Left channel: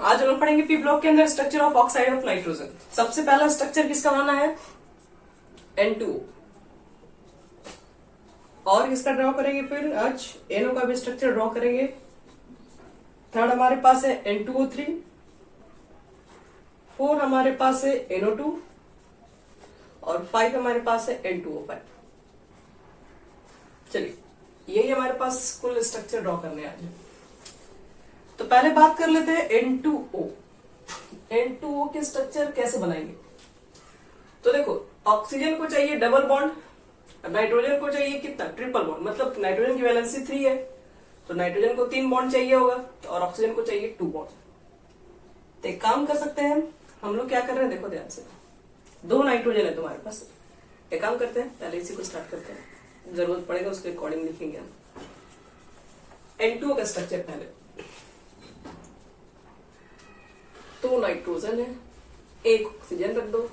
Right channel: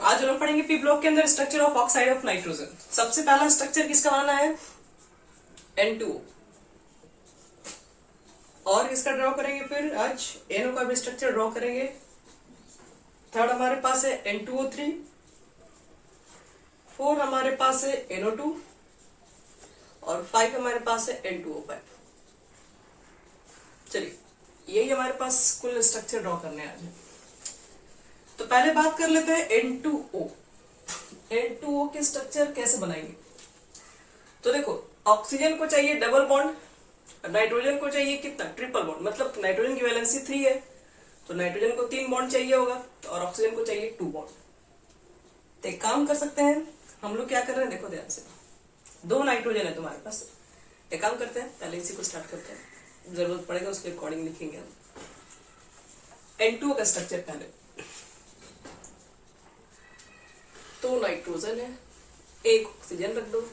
आज हम लोग पढ़ेंगे पी ब्लॉक के अंदर structure of oxide of nitrogen. सबसे पहला स्ट्रक्चर किसका बनाना है? N2O। और किसका ड्रॉ करेंगे? फिर आज NO का भी स्ट्रक्चर ड्रॉ करेंगे। थर्ड हमारे पास है N2O3। फोर हमारे पास है NO2 और 5 हमारे पास है N2O5। चलिए, यही हमारे पास कुल स्ट्रक्चर ड्रॉ करने आज है। तो पहले बात कर लेते हैं N2O। N2O के स्ट्रक्चर कैसे बनाएंगे? तो देखो, ऑक्सीजन को चाहिए डबल बॉन्ड, नाइट्रोजन को चाहिए कितना? Triple bond. मतलब नाइट्रोजन की वैलेंसी 3 है तो नाइट्रोजन को 3 बॉन्ड चाहिए होगा और ऑक्सीजन को चाहिए 2 बॉन्ड। तो एक काम कर सकते हैं हम लोग, क्या कर रहे हैं देखो ध्यान से। 2 नाइट्रोजन है तुम्हारे पास। एक काम करते हैं, पहले इसी को स्टार्ट करते हैं, जरूरत पड़ेगा उसके अकॉर्डिंग लिखेंगे हम। N2O का स्ट्रक्चर पहले, 2 नाइट्रोजन है, 1 ऑक्सीजन रख दो।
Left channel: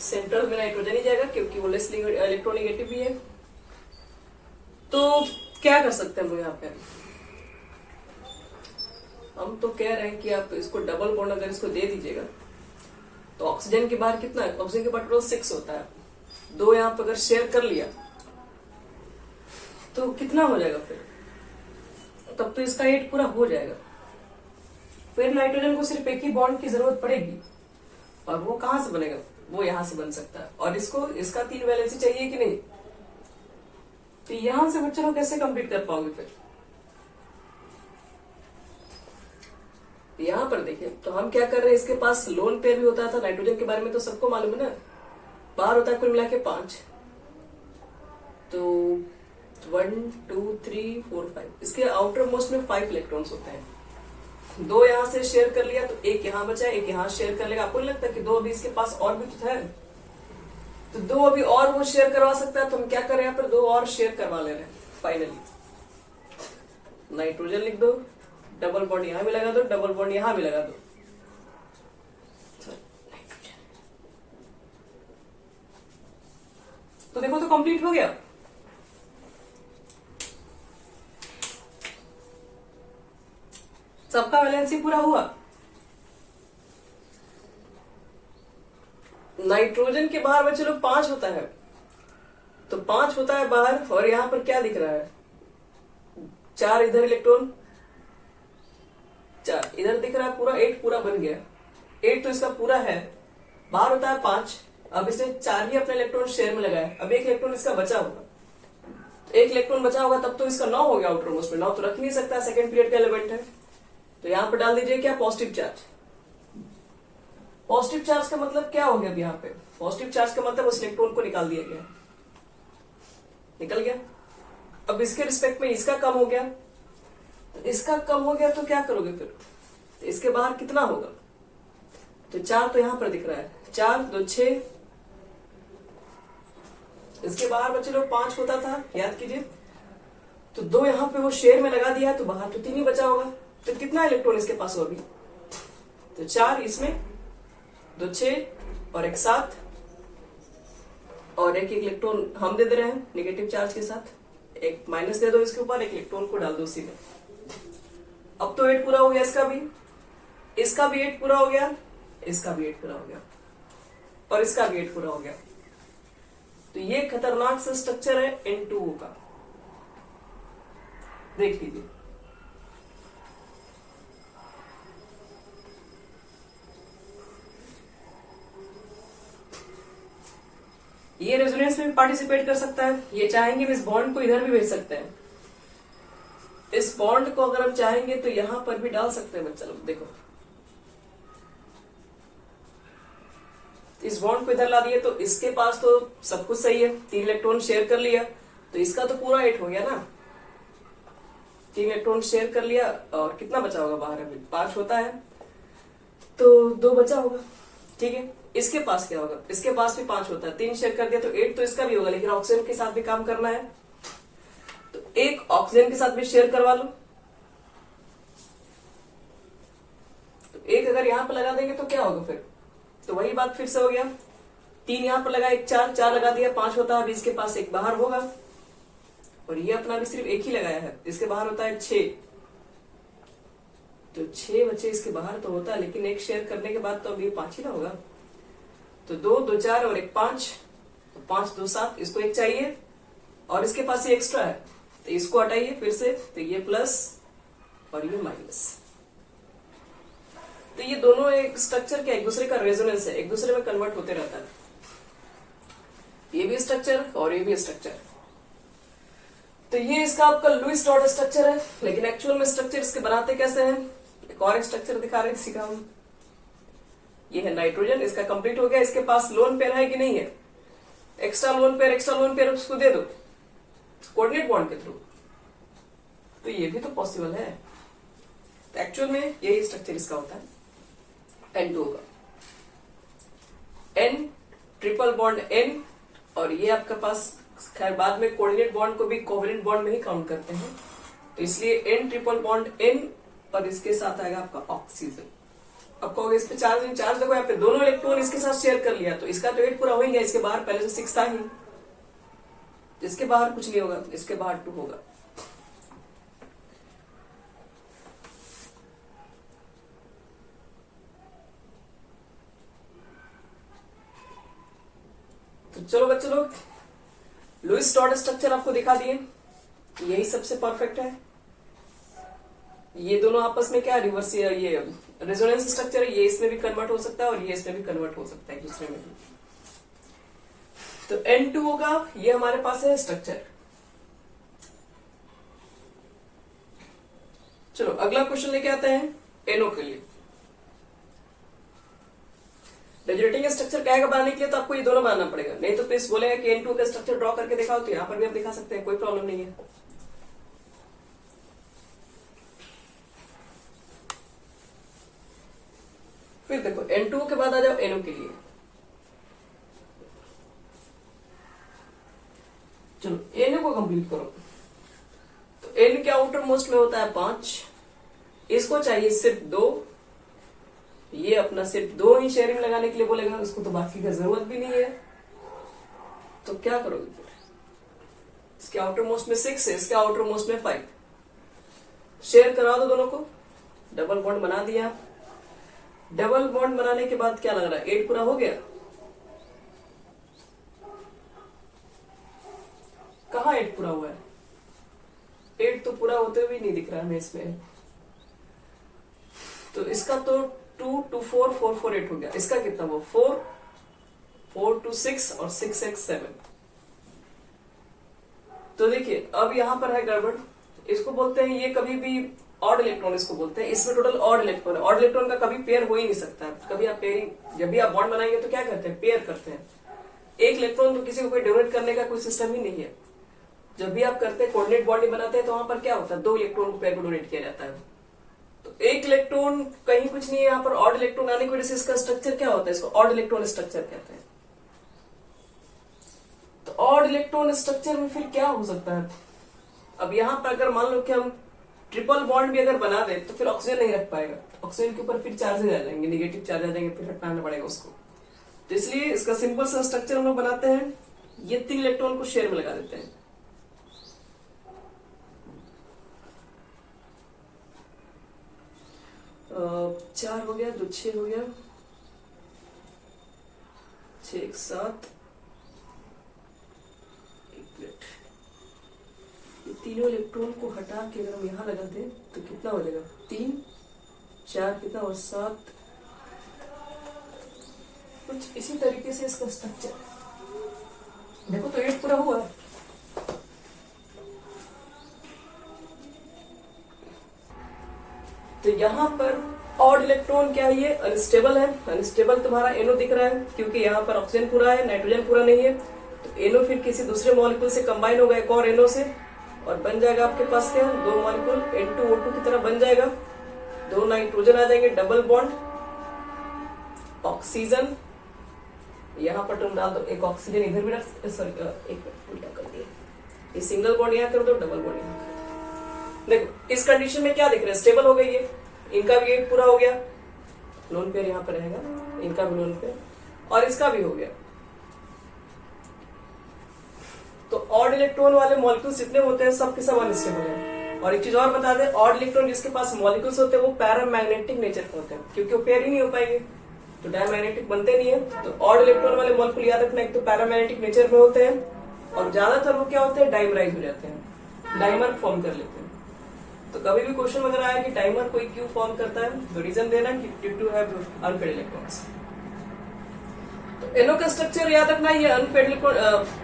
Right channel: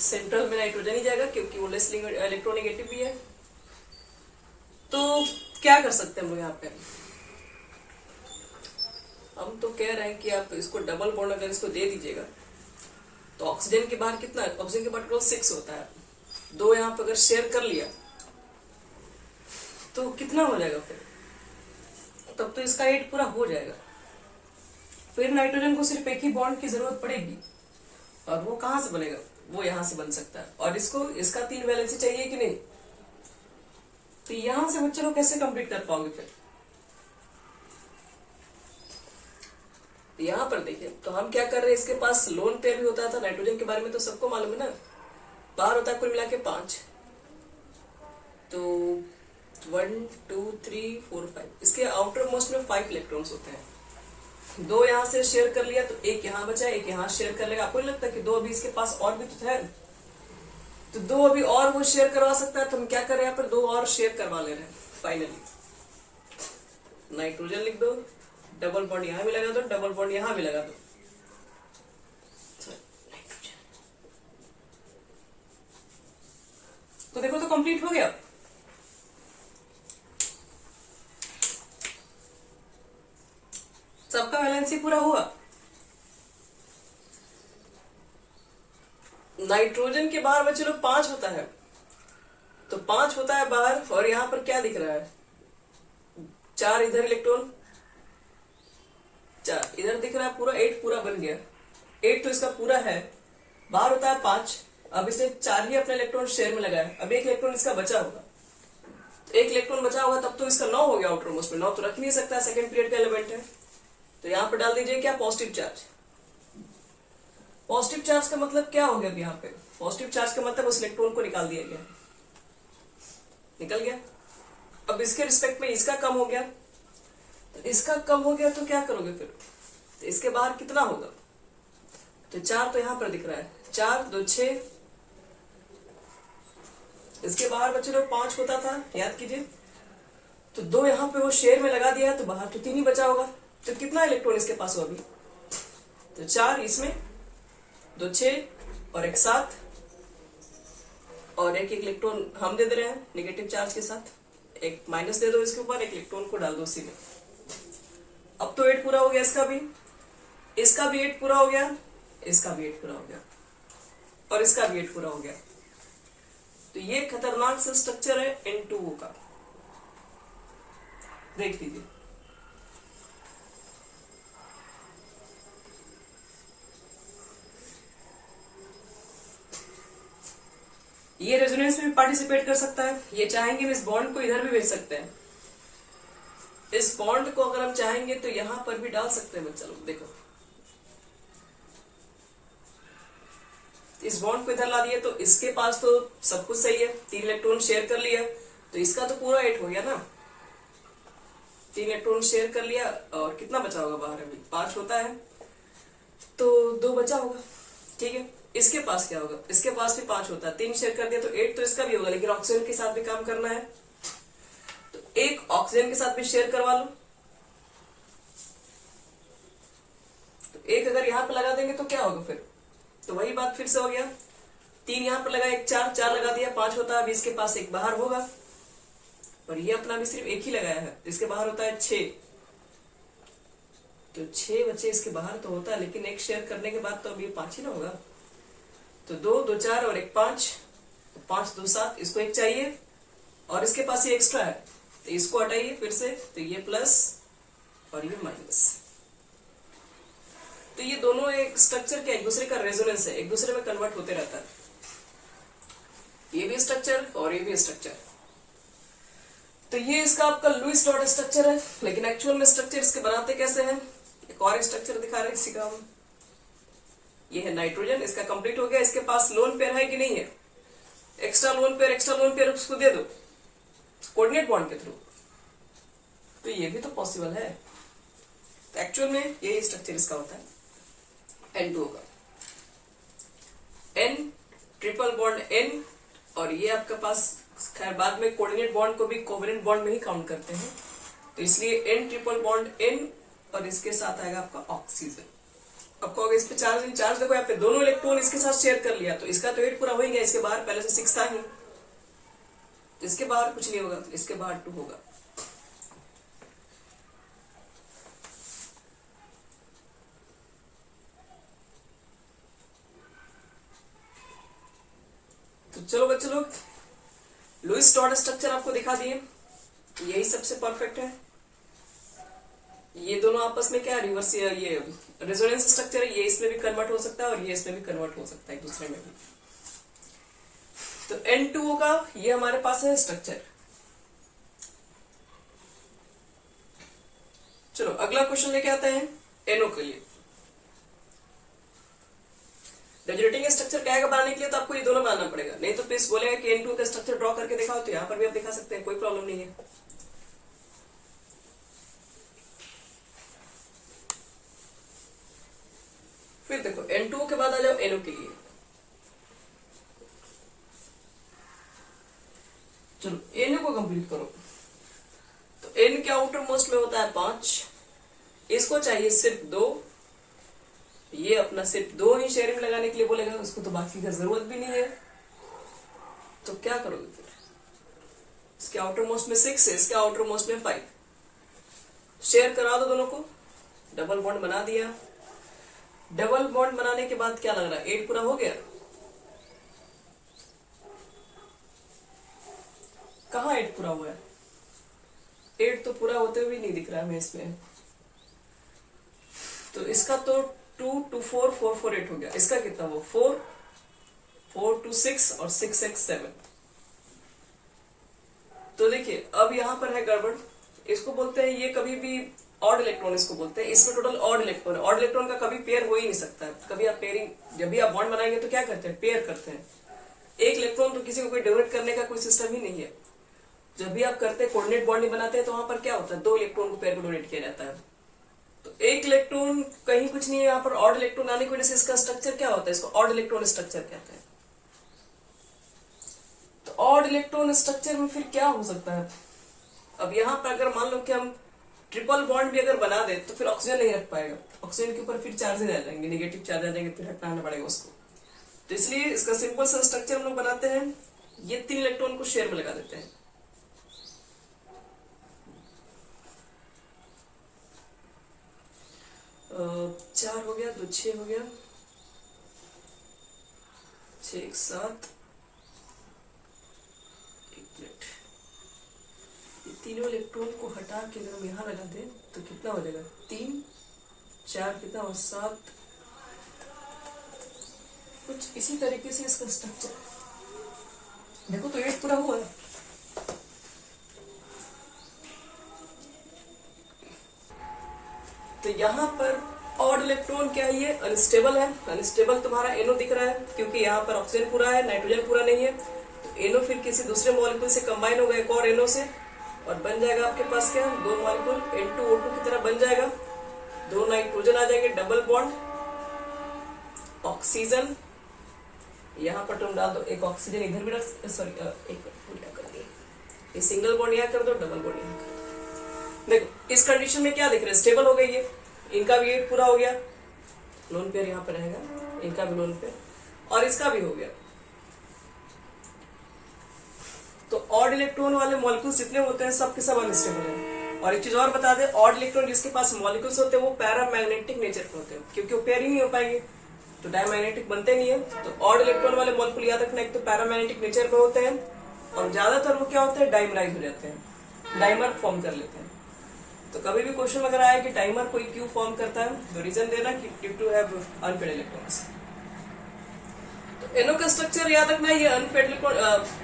सेंट्रल में नाइट्रोजन ही जाएगा क्योंकि वो लेस इलेक्ट्रोनेगेटिव भी है। तो क्या कर सकते हैं हम लोग यहाँ पे? हम तो कह रहे हैं कि आप इसको डबल बॉन्ड अगर इसको दे दीजिएगा तो ऑक्सीजन के बाहर कितना है? ऑक्सीजन के बाहर टोटल 6 होता है। 2 यहाँ पे अगर शेयर कर लिया तो कितना हो जाएगा? फिर तब तो इसका 8 पूरा हो जाएगा। फिर नाइट्रोजन को सिर्फ एक ही बॉन्ड की जरूरत पड़ेगी और वो कहां से बनेगा? वो यहां से बन सकता है। और इसको इसका 3 वैलेंसी चाहिए कि नहीं? तो यहां से बच्चों लोग कैसे कंप्लीट कर पाओगे? फिर यहां पर देखिए, तो हम क्या कर रहे हैं, इसके पास लोन पेयर भी होता था। नाइट्रोजन के बारे में तो सबको मालूम है ना, बाहर होता है कुल मिला के 5। तो 1 2 3 4 5, इसके आउटर मोस्ट में 5 इलेक्ट्रॉन्स होते हैं। 2 यहां से शेयर कर लिया तो 1 यहां बचा, 1 यहां शेयर कर लेगा। आपको नहीं लगता कि 2 अभी इसके पास और भी तो है? तो 2 अभी और वो शेयर करवा सकता है। तो हम क्या कर रहे हैं, यहाँ पर 2 और शेयर करवा ले रहे हैं। फाइनली नाइट्रोजन लिख दो, डबल बॉन्ड यहां भी लगा दो, डबल बॉन्ड यहां भी लगा दो। तो देखो, तो कंप्लीट हो गया। सबका वैलेंसी पूरा हुआ। नाइट्रोजन के बाहर बचे लोग 5 होता है, तो 5 होता है बाहर। और यहां पर क्या दिख रहा है? 4 इधर इलेक्ट्रॉन, 4 इधर दिख रहा है। पूरा 8 पूरा बन गया। 8 तो इसका पूरा है, बाहर होता है 5। अब इसने 4 ही अपने इलेक्ट्रॉन शेयर में लगाया। अब 1 इलेक्ट्रॉन इसका बचा होगा, 1 इलेक्ट्रॉन बचा होगा, तब तो इसका 9 हो गया आउटर मोस्ट में। 9 तो रख नहीं सकता, सेकंड पीरियड का एलिमेंट है। तो यहां पर डाल दीजिए क्या? Positive charge. पॉजिटिव चार्ज का मतलब क्या हो गया? अब यहाँ पे पॉजिटिव चार्ज का मतलब उस इलेक्ट्रॉन को निकाल दिया गया, निकल गया। अब इसके रिस्पेक्ट में इसका कम हो गया, तो इसका कम हो गया तो क्या करोगे फिर? तो इसके बाहर कितना होगा? तो 4 तो यहां पर दिख रहा है, 4 2 6। इसके बाहर बचे लोग 5 होता था, याद कीजिए। तो 2 यहां पे वो शेयर में लगा दिया, तो बाहर तो 3 ही बचा होगा। तो कितना इलेक्ट्रॉन इसके पास हुआ अभी? तो 4 इसमें, 2 6 और 1 7 और 1 इलेक्ट्रॉन हम दे दे रहे हैं नेगेटिव चार्ज के साथ। 1 माइनस दे दो इसके ऊपर, 1 इलेक्ट्रॉन को डाल दो सीधे। अब तो 8 पूरा हो गया इसका भी 8 पूरा हो गया, इसका भी 8 पूरा हो गया और इसका भी 8 पूरा हो गया। तो ये खतरनाक सा स्ट्रक्चर है N2O का, देख लीजिए। ये रेजोनेंस में भी पार्टिसिपेट कर सकता है। ये चाहेंगे इस बॉन्ड को इधर भी भेज सकते हैं। इस बॉन्ड को अगर हम चाहेंगे तो यहां पर भी डाल सकते हैं बच्चा लोग। देखो, इस बॉन्ड को इधर ला दिए तो इसके पास तो सब कुछ सही है, 3 इलेक्ट्रॉन शेयर कर लिया, तो इसका तो पूरा 8 हो गया ना। 3 इलेक्ट्रॉन शेयर कर लिया और कितना बचा होगा बाहर? अभी 5 होता है तो 2 बचा होगा, ठीक है। इसके पास क्या होगा? इसके पास भी 5 होता है, 3 शेयर कर दिया तो 8 तो इसका भी होगा, लेकिन ऑक्सीजन के साथ भी काम करना है तो 1 ऑक्सीजन के साथ भी शेयर करवा लो। तो 1 अगर यहां पर लगा देंगे तो क्या होगा फिर? तो वही बात फिर से हो गया, 3 यहां पर लगा, 1 4 4 लगा दिया, 5 होता है। अभी इसके पास 1 बाहर होगा और ये अपना भी सिर्फ 1 ही लगाया है, इसके बाहर होता है 6। तो 6 बचे इसके बाहर तो होता है, लेकिन एक शेयर करने के बाद तो अब ये 5 ही ना होगा। तो 2 2 4 और 1 5, 5 2 7, इसको 1 चाहिए और इसके पास ये एक्स्ट्रा है तो इसको हटाइए फिर से, तो ये प्लस और ये माइनस। तो ये दोनों एक स्ट्रक्चर क्या एक दूसरे का रेजोनेंस है, एक दूसरे में कन्वर्ट होते रहता है। ये भी स्ट्रक्चर और ये भी स्ट्रक्चर। तो ये इसका आपका लुईस डॉट स्ट्रक्चर है, लेकिन एक्चुअल में स्ट्रक्चर इसके बनाते कैसे हैं, एक और स्ट्रक्चर दिखा रहे हैं इसी का हम। ये है नाइट्रोजन, इसका कंप्लीट हो गया। इसके पास लोन पेयर है कि नहीं है, एक्स्ट्रा लोन पेयर उसको दे दो कोऑर्डिनेट बॉन्ड के थ्रू, तो ये भी तो पॉसिबल है। तो एक्चुअल में यही स्ट्रक्चर इसका होता है N2 का, N ट्रिपल बॉन्ड N, और ये आपके पास खैर बाद में कोऑर्डिनेट बॉन्ड को भी कोवेलेंट बॉन्ड में ही काउंट करते हैं, तो इसलिए N ट्रिपल बॉन्ड N और इसके साथ आएगा आपका ऑक्सीजन। अब कहोगे इस पे चार्ज नहीं, चार्ज देखो यहाँ पे दोनों इलेक्ट्रॉन इसके साथ शेयर कर लिया तो इसका तो 8 पूरा हो ही गया, इसके बाहर पहले से 6 था ही, इसके बाहर कुछ नहीं होगा, इसके बाहर 2 होगा। तो चलो बच्चे लोग, लुईस डॉट स्ट्रक्चर आपको दिखा दिए, यही सबसे परफेक्ट है। ये दोनों आपस में क्या रिवर्स, ये रेजोनेंस स्ट्रक्चर है, ये इसमें भी कन्वर्ट हो सकता है और ये इसमें भी कन्वर्ट हो सकता है एक दूसरे में भी। तो N2O का ये हमारे पास है स्ट्रक्चर। चलो अगला क्वेश्चन लेके आते हैं NO के लिए। रेजोनेटिंग स्ट्रक्चर कहेगा बनाने के लिए तो आपको ये दोनों बनाना पड़ेगा, नहीं तो प्लीज बोलेगा कि N2 का स्ट्रक्चर ड्रॉ करके दिखाओ, तो यहां पर भी आप दिखा सकते हैं, कोई प्रॉब्लम नहीं है। फिर देखो N2 के बाद आ जाओ NO के लिए। चलो NO को कंप्लीट करो। तो N के आउटर मोस्ट में होता है 5, इसको चाहिए सिर्फ 2, ये अपना सिर्फ 2 ही शेयरिंग लगाने के लिए बोलेगा, उसको तो बाकी का जरूरत भी नहीं है। तो क्या करोगे फिर, इसके आउटर मोस्ट में 6 है, इसके आउटर मोस्ट में 5, शेयर करवा दो दोनों को, डबल बॉन्ड बना दिया। डबल बॉन्ड बनाने के बाद क्या लग रहा है, 8 पूरा हो गया, कहाँ 8 पूरा हुआ है, 8 तो पूरा होते हुए नहीं दिख रहा है इसमें। तो इसका तो 2 2 4 4 4 8 हो गया, इसका कितना वो 4 4 2 6 और 6 6 7। तो देखिए अब यहां पर है गड़बड़, इसको बोलते हैं ये कभी भी ऑड इलेक्ट्रॉन इसको बोलते हैं, इसमें टोटल ऑड इलेक्ट्रॉन है। ऑड इलेक्ट्रॉन का कभी पेयर हो ही नहीं सकता है, कभी आप पेयरिंग जब भी आप बॉन्ड बनाएंगे तो क्या करते हैं, पेयर करते हैं। एक इलेक्ट्रॉन तो किसी को कोई डोनेट करने का कोई सिस्टम ही नहीं है। जब भी आप करते हैं कोऑर्डिनेट बॉन्ड बनाते हैं तो वहां पर क्या होता है, 2 इलेक्ट्रॉन को पेयर को डोनेट किया जाता है। तो एक इलेक्ट्रॉन कहीं कुछ नहीं है, यहाँ पर ऑड इलेक्ट्रॉन आने की वजह से इसका स्ट्रक्चर क्या होता है, इसको ऑड इलेक्ट्रॉन स्ट्रक्चर कहते हैं। तो ऑड इलेक्ट्रॉन स्ट्रक्चर में फिर क्या हो सकता है, अब यहाँ पर अगर मान लो कि हम ट्रिपल बॉन्ड भी अगर बना दे तो फिर ऑक्सीजन नहीं रख पाएगा, ऑक्सीजन के ऊपर फिर चार्जेज आ जाएंगे, निगेटिव चार्ज आ जाएंगे, फिर हटाना पड़ेगा उसको। तो इसलिए इसका सिंपल सा स्ट्रक्चर हम लोग बनाते हैं, ये 3 इलेक्ट्रॉन को शेयर में लगा देते हैं। चार हो गया, 2 6 हो गया, 6 1 7, तीनों इलेक्ट्रॉन को हटा के अगर हम यहां लगा दें तो कितना हो जाएगा, 3 4 कितना और 7, कुछ इसी तरीके से इसका स्ट्रक्चर देखो। तो 8 पूरा हुआ। तो यहां पर ऑड इलेक्ट्रॉन क्या है, ये अनस्टेबल है। अनस्टेबल तुम्हारा NO दिख रहा है क्योंकि यहाँ पर ऑक्सीजन पूरा है, नाइट्रोजन पूरा नहीं है। तो NO फिर किसी दूसरे मॉलिक्यूल से कंबाइन होगा एक और NO से, और बन जाएगा आपके पास क्या, 2 मॉलिक्यूल N2O2 की तरह बन जाएगा, 2 नाइट्रोजन आ जाएंगे, डबल बॉन्ड, ऑक्सीजन यहाँ पर तुम डाल दो, एक ऑक्सीजन इधर भी रख, सॉरी एक उल्टा कर दिया, ये सिंगल बॉन्ड यहाँ कर दो, डबल बॉन्ड यहाँ कर दो। देखो इस कंडीशन में क्या दिख रहा है, स्टेबल हो गई है, इनका भी 8 पूरा हो गया, लोन पेयर यहाँ पर रहेगा, इनका भी लोन पेयर और इसका भी हो गया। तो ऑड इलेक्ट्रॉन वाले मॉलिक्यूल्स जितने होते हैं सब के सब अनस्टेबल है, और एक चीज और बता दें, ऑड इलेक्ट्रॉन जिसके पास मॉलिक्यूल्स होते हैं वो पैरामैग्नेटिक नेचर के होते हैं, क्योंकि वो पेयर ही नहीं हो पाएंगे तो डायमैग्नेटिक बनते नहीं है। तो ऑड इलेक्ट्रॉन वाले मॉलिक्यूल याद रखना, एक तो पैरामैग्नेटिक नेचर में होते हैं और ज्यादातर वो क्या होते हैं, डाइमराइज हो जाते हैं, डाइमर फॉर्म कर लेते हैं। तो कभी भी क्वेश्चन अगर आया कि डाइमर कोई क्यों फॉर्म करता है, तो रीजन देना कि due to have unpaid electrons. तो NO का स्ट्रक्चर याद रखना, ये अनपेड इलेक्ट्रॉन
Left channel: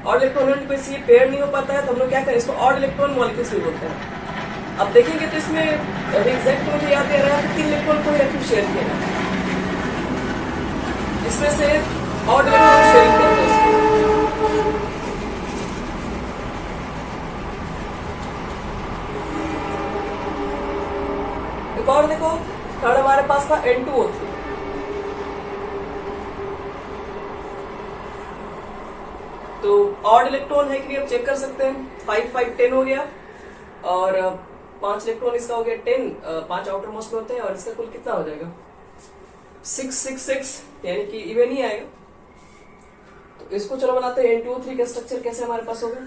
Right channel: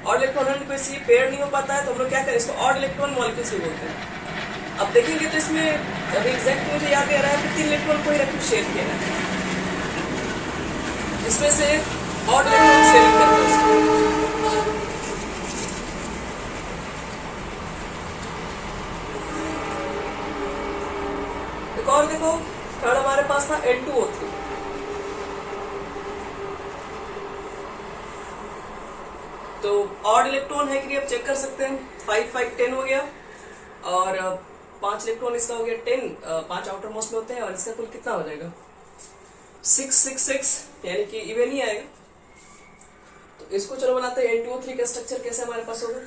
ऑड इलेक्ट्रॉन को इसलिए पेयर नहीं हो पाता है, तो हम लोग क्या करें, इसको ऑड इलेक्ट्रॉन मॉलिक्यूल्स भी बोलते हैं। अब देखेंगे तो इसमें अभी एग्जैक्ट मुझे याद दे रहा है कि 3 इलेक्ट्रॉन को ही रख शेयर किया है, इसमें से ऑड इलेक्ट्रॉन शेयर करते हैं उसको। एक और देखो, थर्ड हमारे पास था N2O3। तो ऑड इलेक्ट्रॉन है कि नहीं, अब चेक कर सकते हैं। 5 5 10 हो गया और 5 इलेक्ट्रॉन इसका हो गया 10, 5 आउटर मोस्ट में होते हैं और इसका कुल कितना हो जाएगा 6 6 6, यानी कि इवन ही आएगा। तो इसको चलो बनाते हैं। N2O3 का स्ट्रक्चर कैसे हमारे पास होगा,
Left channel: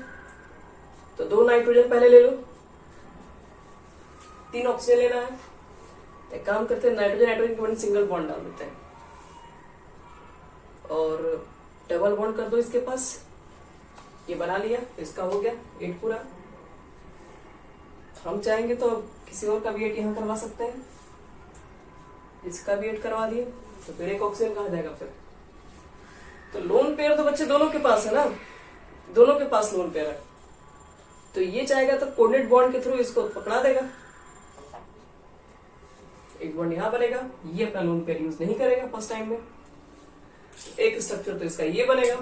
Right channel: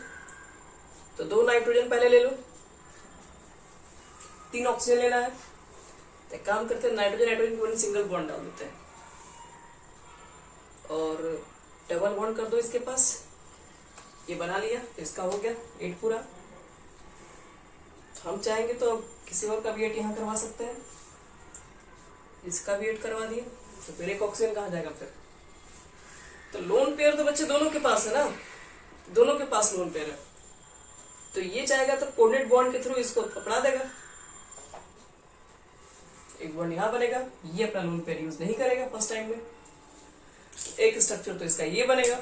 तो 2 नाइट्रोजन पहले ले लो, 3 ऑक्सीजन लेना है। तो एक काम करते हैं, नाइट्रोजन नाइट्रोजन को सिंगल बॉन्ड डाल देते हैं और डबल बॉन्ड कर दो इसके पास, ये बना लिया, इसका हो गया 8 पूरा। हम चाहेंगे तो किसी और का भी 8 यहाँ करवा सकते हैं, इसका भी 8 करवा दिए, तो फिर एक ऑक्सीजन कहाँ जाएगा फिर। तो लोन पेयर तो बच्चे दोनों के पास है ना, दोनों के पास लोन पेयर है, तो ये चाहेगा तो कोऑर्डिनेट बॉन्ड के थ्रू इसको पकड़ा देगा, एक बॉन्ड यहां बनेगा, ये अपना लोन पेयर यूज नहीं करेगा फर्स्ट टाइम में। एक स्ट्रक्चर तो इसका ये बनेगा,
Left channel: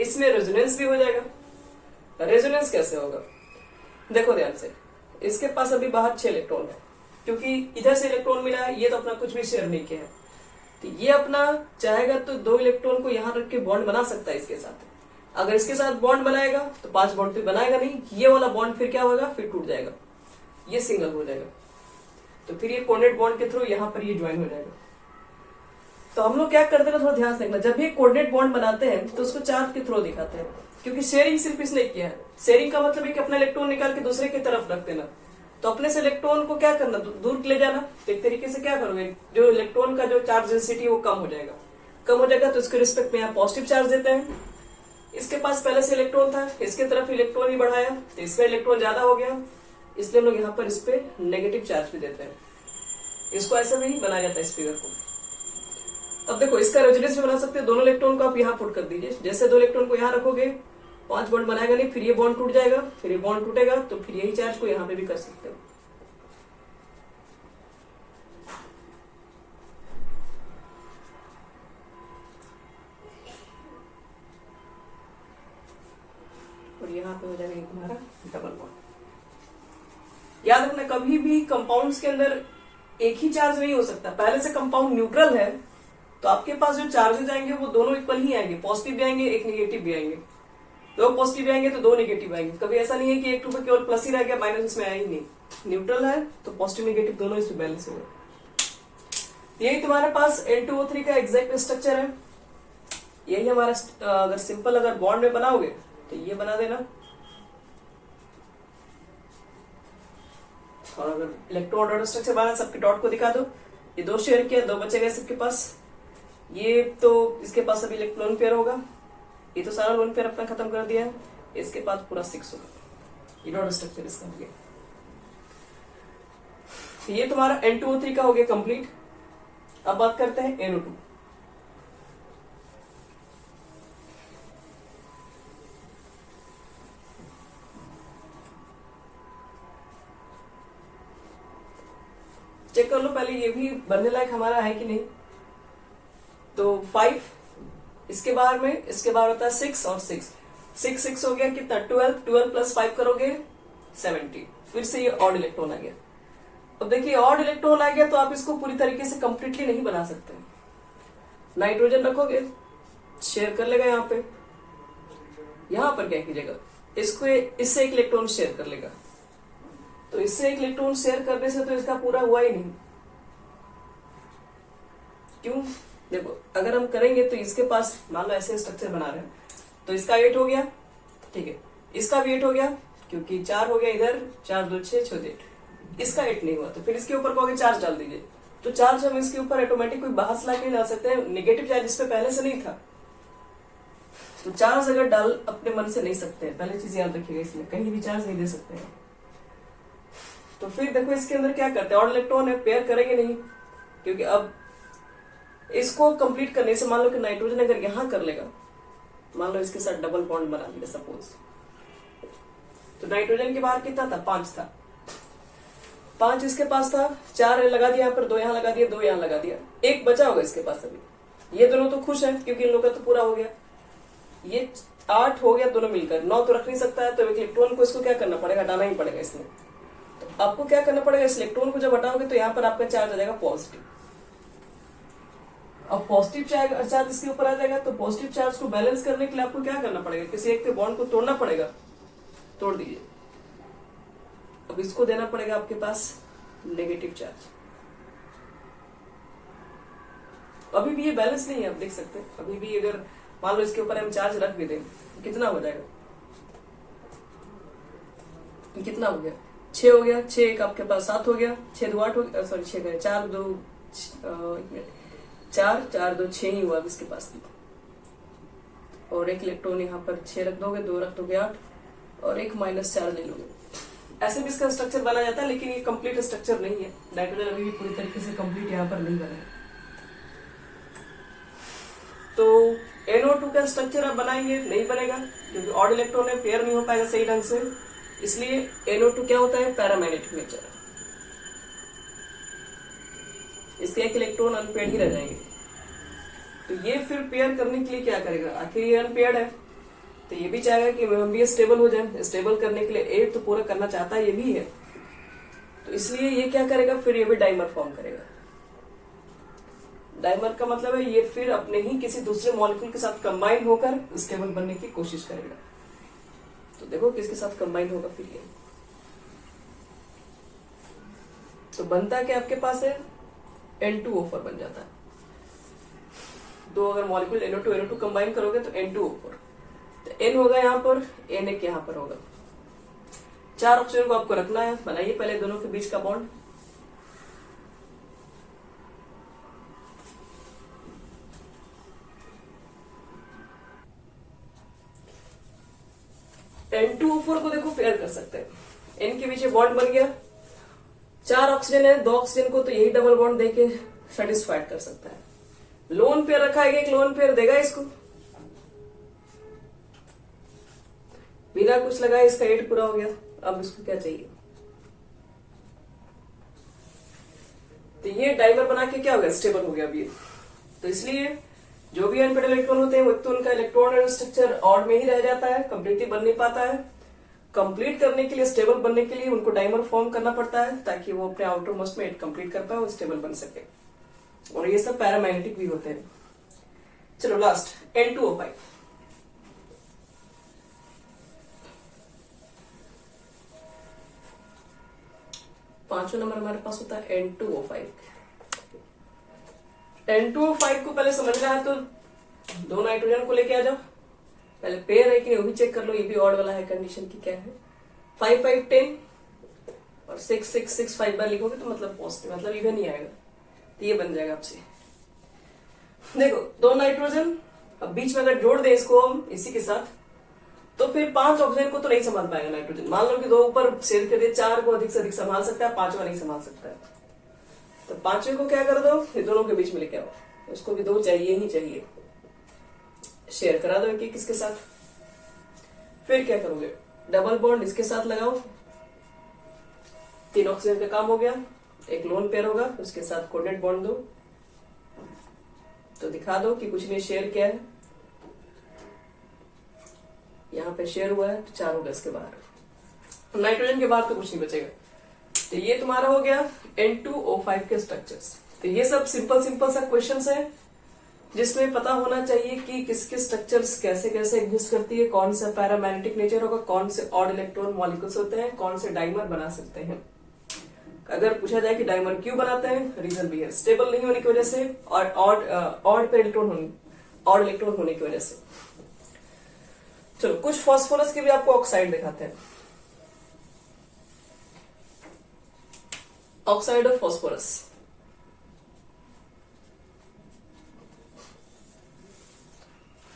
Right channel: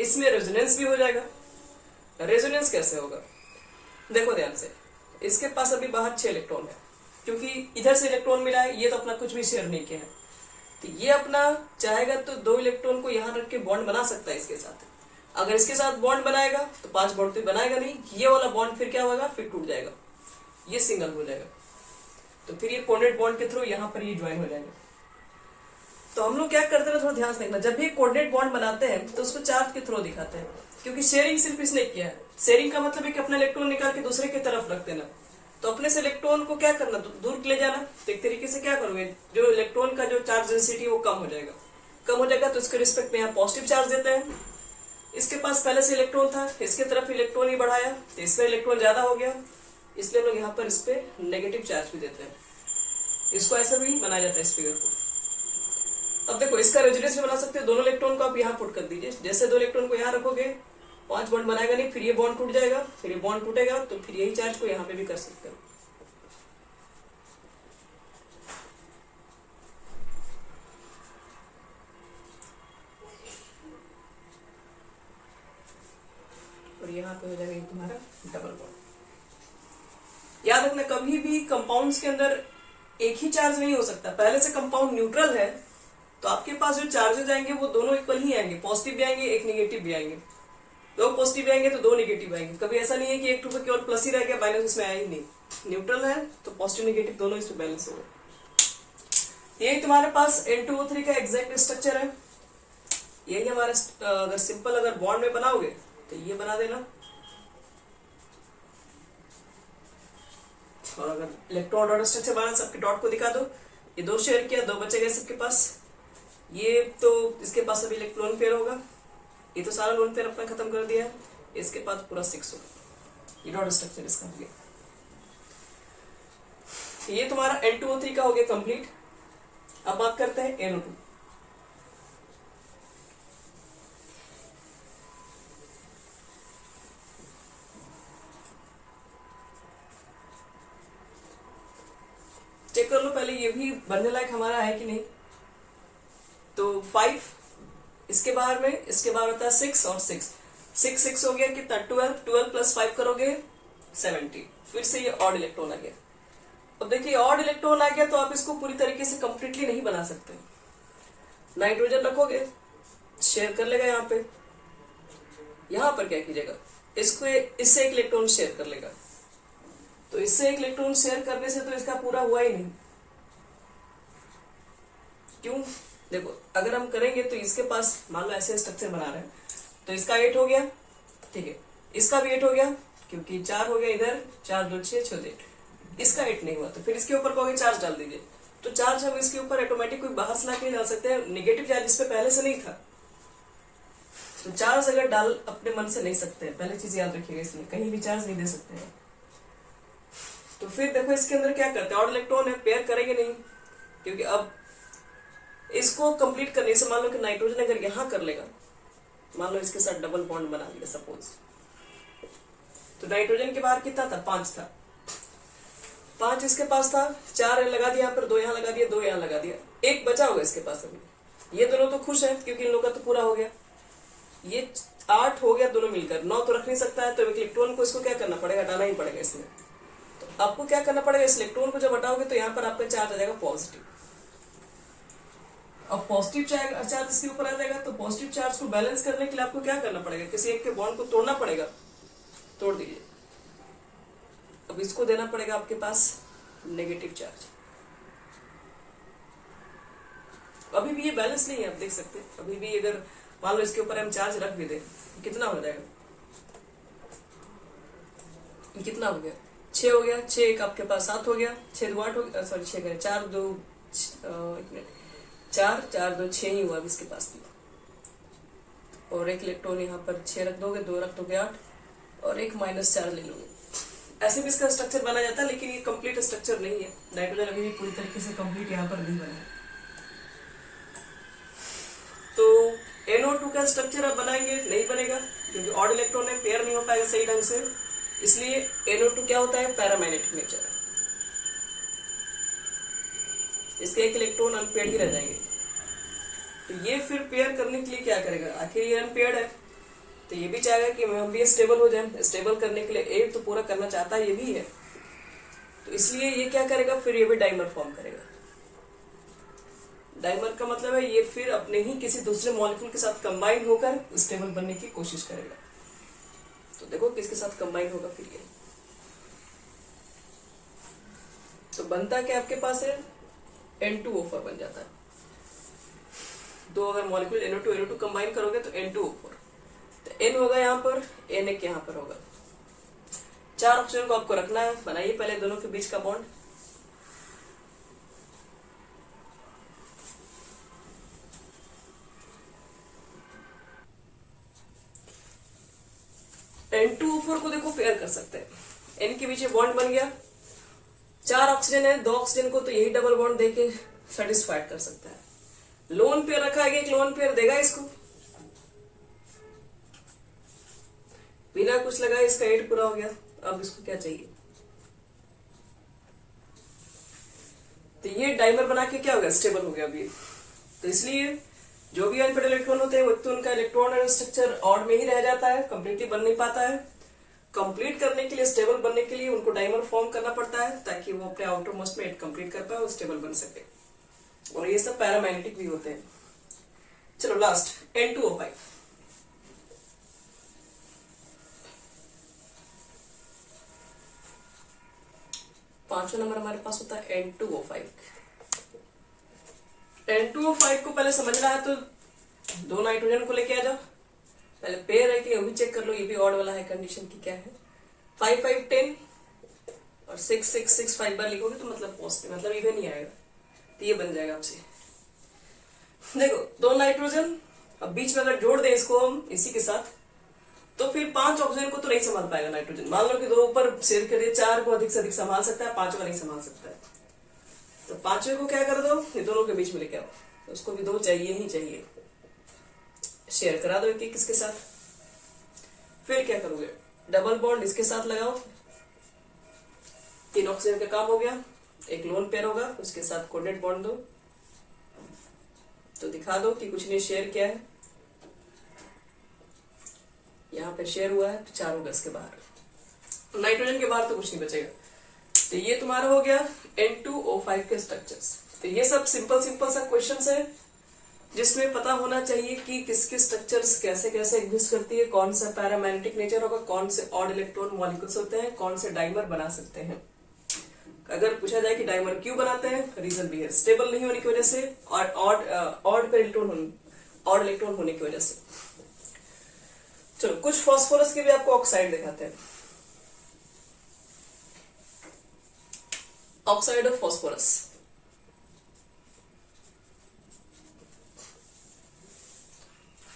इसमें रेजोनेंस भी हो जाएगा। रेजोनेंस कैसे होगा, देखो ध्यान से, इसके पास अभी बाहर 6 इलेक्ट्रॉन है, क्योंकि इधर से इलेक्ट्रॉन मिला है, ये तो अपना कुछ भी शेयर नहीं किया है, तो ये अपना चाहेगा तो 2 इलेक्ट्रॉन को यहां रख के बॉन्ड बना सकता है इसके साथ। अगर इसके साथ बॉन्ड बनाएगा तो 5 बॉन्ड तो बनाएगा नहीं, ये वाला बॉन्ड फिर क्या होगा, फिर टूट जाएगा, ये सिंगल हो जाएगा, तो फिर ये कोऑर्डिनेट बॉन्ड के थ्रू यहां पर ये ज्वाइन हो जाएगा। तो हम लोग क्या करते हैं, थोड़ा ध्यान से देखना, जब भी कोऑर्डिनेट बॉन्ड बनाते हैं तो उसको चार्ज के थ्रू दिखाते हैं, क्योंकि शेयरिंग सिर्फ इसने किया है। शेयरिंग का मतलब है कि अपना इलेक्ट्रॉन निकाल के दूसरे की तरफ रख देना, तो अपने से इलेक्ट्रॉन को क्या करना, दूर ले जाना। तो एक तरीके से क्या करोगे, जो इलेक्ट्रॉन का जो चार्ज डेंसिटी वो कम हो जाएगा, कम हो जाएगा तो उसके रिस्पेक्ट में यहाँ पॉजिटिव चार्ज देते हैं। इसके पास पहले से इलेक्ट्रॉन था, इसके तरफ इलेक्ट्रॉन ही बढ़ाया तो इसका इलेक्ट्रॉन ज्यादा हो गया, इसलिए हम लोग यहाँ पर इस पे नेगेटिव चार्ज भी देते हैं। इसको ऐसा भी बनाया जाता है इस फिगर को। अब देखो, इसका रेजोनेंस भी बना सकते हैं, दोनों इलेक्ट्रॉन को आप यहाँ पुट कर दीजिए, जैसे 2 इलेक्ट्रॉन को यहाँ रखोगे 5 बॉन्ड बनाएगा नहीं, फिर ये बॉन्ड टूट जाएगा, फिर ये बॉन्ड टूटेगा, तो फिर यही चार्ज को यहाँ पे भी कर सकते हैं। और यहाँ पे हो जाएगा तुम्हारा डबल बॉन्ड। याद रखना, कभी भी कंपाउंड्स के अंदर एक ही चार्ज नहीं हो सकता। पहले से कंपाउंड न्यूट्रल है तो आपके पास जो चार्जेस आएंगे वो दोनों इक्वल ही आएंगे, पॉजिटिव भी आएंगे, एक नेगेटिव भी आएंगे। 2 पॉजिटिव आएंगे तो 2 नेगेटिव आएंगे। कभी ऐसा नहीं है कि एक टू केवल प्लस ही रह गया, माइनस इसमें आया ही नहीं। न्यूट्रल है तो पॉजिटिव नेगेटिव दोनों इसमें बैलेंस होगा। यही तुम्हारे पास N2O3 का एग्जैक्ट स्ट्रक्चर है। यही हमारा अगर सिंपल अगर बॉन्ड में बनाओगे तो ये बना देना, और अगर इलेक्ट्रॉन डॉट स्ट्रक्चर बना सबके डॉट को दिखा दो। ये 2 शेयर किया, 2 बचे गए सबके पास। ये तो इसके पास अभी इलेक्ट्रॉन पेयर होगा, ये तो सारा लोन पेयर अपना खत्म कर दिया है, इसके पास पूरा 6 होगा। ये डॉट स्ट्रक्चर इसका हो गया। ये तुम्हारा N2O3 का हो गया कंप्लीट। अब बात करते हैं NO2। चेक कर लो पहले ये भी बनने लायक हमारा है कि नहीं। तो 5 इसके बाहर में, इसके बाहर होता है 6 और 6 6 6 हो गया कितना 12 12 प्लस 5 करोगे 70। फिर से ये ऑड इलेक्ट्रॉन आ गया। अब देखिए ऑड इलेक्ट्रॉन आ गया तो आप इसको पूरी तरीके से कंप्लीटली नहीं बना सकते। नाइट्रोजन रखोगे शेयर कर लेगा, यहाँ पे यहां पर क्या कीजिएगा, इसको इससे एक इलेक्ट्रॉन शेयर कर लेगा। तो इससे एक इलेक्ट्रॉन शेयर करने से तो इसका पूरा हुआ ही नहीं। क्यों, देखो अगर हम करेंगे तो इसके पास मान लो ऐसे स्ट्रक्चर बना रहे हैं, तो इसका 8 हो गया, ठीक है, इसका भी 8 हो गया, क्योंकि 4 हो गया इधर, 4 2 6 6 8, इसका 8 नहीं हुआ, तो फिर इसके ऊपर कहोगे चार्ज डाल दीजिए, तो चार्ज हम इसके ऊपर ऑटोमेटिक कोई बाहर से लाके नहीं डाल सकते हैं, नेगेटिव चार्ज इस पे पहले से नहीं था, तो चार्ज अगर डाल अपने मन से नहीं सकते, पहले चीज याद रखिएगा, इसमें कहीं भी चार्ज नहीं दे सकते हैं। तो फिर देखो इसके अंदर क्या करते हैं, ऑड इलेक्ट्रॉन है, पेयर करेंगे नहीं, क्योंकि अब इसको कंप्लीट करने से मान लो कि नाइट्रोजन अगर यहां कर लेगा, मान लो इसके साथ डबल बॉन्ड बना लिया सपोज, तो नाइट्रोजन के बाहर कितना था, 5 था, 5 इसके पास था, 4 लगा दिया यहाँ पर, 2 यहाँ लगा दिया, 2 यहाँ लगा दिया, 1 बचा होगा इसके पास अभी। ये दोनों तो खुश हैं क्योंकि इन लोगों का तो पूरा हो गया, ये 8 हो गया दोनों मिलकर, 9 तो रख नहीं सकता है, तो इलेक्ट्रॉन को इसको क्या करना पड़ेगा, हटाना ही पड़ेगा इसमें। तो आपको क्या करना पड़ेगा, इस इलेक्ट्रॉन को जब हटाओगे तो यहाँ पर आपका चार्ज आ जाएगा पॉजिटिव। अब पॉजिटिव चार्ज इसके ऊपर आ जाएगा, तो पॉजिटिव चार्ज को बैलेंस करने के लिए आपको क्या करना पड़ेगा, किसी एक के बॉन्ड को तोड़ना पड़ेगा, तोड़ दीजिए। अब इसको देना पड़ेगा आपके पास नेगेटिव चार्ज। अभी भी ये बैलेंस नहीं है, आप देख सकते हैं, अभी भी अगर मान लो इसके ऊपर हम चार्ज रख भी दें, कितना हो जाएगा, कितना हो गया, 6 हो गया, 6 एक आपके पास 7 हो गया, 6 2 8 हो गया, सॉरी 6 करें 4 2 4 4 2 6 ही हुआ इसके पास भी, और एक इलेक्ट्रॉन यहाँ पर 6 रख दोगे, 2 रख दोगे 8, और एक -4 ले लोगे। ऐसे भी इसका स्ट्रक्चर बना जाता है, लेकिन ये कंप्लीट स्ट्रक्चर नहीं है, नाइट्रोजन अभी भी पूरी तरीके से कंप्लीट यहाँ पर नहीं बना है। तो NO2 का स्ट्रक्चर अब बनाएंगे, नहीं बनेगा क्योंकि ऑड इलेक्ट्रॉन है, पेयर नहीं हो पाएगा सही ढंग से, इसलिए NO2 क्या होता है, पैरामैग्नेटिक नेचर है, इसके एक इलेक्ट्रॉन अनपेयर्ड ही रह जाएंगे। तो ये फिर पेयर करने के लिए क्या करेगा, आखिर ये अनपेयर्ड है, तो ये भी चाहेगा कि हम भी स्टेबल हो जाए, स्टेबल करने के लिए एक तो पूरा करना चाहता है, ये भी है, तो इसलिए ये क्या करेगा, फिर ये भी डाइमर फॉर्म करेगा। डाइमर का मतलब है ये फिर अपने ही किसी दूसरे मॉलिक्यूल के साथ कंबाइन होकर स्टेबल बनने की कोशिश करेगा। तो देखो किसके साथ कंबाइन होगा फिर ये, तो बनता क्या आपके पास है, N2O4 बन जाता है। दो अगर मॉलिक्यूल NO2 कंबाइन करोगे तो N2O4, तो N होगा यहाँ पर, N एक यहाँ पर होगा, 4 ऑक्सीजन को आपको रखना है, बनाइए पहले दोनों के बीच का बॉन्ड। N2O4 को देखो पेयर कर सकते हैं, N के बीच बॉन्ड बन गया, 4 ऑक्सीजन है, 2 ऑक्सीजन को तो यही डबल बॉन्ड देके सेटिस्फाइड कर सकता है। लोन पेयर रखा है, एक लोन पेयर देगा इसको, बिना कुछ लगाए इसका 8 पूरा हो गया। अब इसको क्या चाहिए, तो ये डाइमर बना के क्या हो गया, स्टेबल हो गया अभी। तो इसलिए जो भी अनपेयर्ड इलेक्ट्रॉन होते हैं वो तो उनका इलेक्ट्रॉन स्ट्रक्चर ऑड में ही रह जाता है, कंप्लीटली बन नहीं पाता है। कंप्लीट करने के लिए, स्टेबल बनने के लिए उनको डाइमर फॉर्म करना पड़ता है, ताकि वो अपने आउटर मोस्ट में कंप्लीट कर पाए और स्टेबल बन सके, और ये सब पैरामैग्नेटिक भी होते हैं। चलो लास्ट N2O5, पांचवा नंबर हमारे पास होता है N2O5। N2O5 को पहले समझना है तो 2 नाइट्रोजन को लेके आ जाओ, पहले पेयर है कि नहीं वो भी चेक कर लो, ये भी ऑड वाला है, कंडीशन की क्या है, 5 5 10 और 6 6 6 5 बार लिखोगे तो मतलब पॉजिटिव, मतलब इवन नहीं आएगा, तो ये बन जाएगा आपसे। देखो 2 नाइट्रोजन, अब बीच में अगर जोड़ दे इसको हम इसी के साथ, तो फिर 5 ऑक्सीजन को तो नहीं संभाल पाएगा नाइट्रोजन। मान लो कि 2 ऊपर शेयर कर दे, 4 को अधिक से अधिक संभाल सकता है, 5वां नहीं संभाल सकता है, तो 5वें को क्या कर दो, ये दोनों के बीच में लेके आओ, उसको भी 2 चाहिए ही चाहिए, शेयर करा दो एक किसके साथ। फिर क्या करोगे, डबल बॉन्ड इसके साथ लगाओ, 3 ऑक्सीजन का काम हो गया, एक लोन पेयर होगा, उसके साथ कोडेड बॉन्ड दो, तो दिखा दो कि कुछ नहीं शेयर किया है, यहाँ पे शेयर हुआ है, तो 4 होगा इसके बाहर, नाइट्रोजन के बाहर तो कुछ नहीं बचेगा। तो ये तुम्हारा हो गया N2O5 के स्ट्रक्चर्स। तो ये सब सिंपल सा क्वेश्चंस है, जिसमें पता होना चाहिए कि किसके स्ट्रक्चर्स कैसे कैसे एग्जिस्ट करती है, कौन सा पैरामैग्नेटिक नेचर होगा, कौन से ऑड इलेक्ट्रॉन मॉलिक्यूल्स होते हैं, कौन से डाइमर बना सकते हैं। अगर पूछा जाए कि डाइमर क्यों बनाते हैं, रीजन भी है, स्टेबल नहीं होने की वजह से और ऑड इलेक्ट्रॉन होने की वजह से। चलो कुछ फास्फोरस के भी आपको ऑक्साइड दिखाते हैं। Oxide of phosphorus,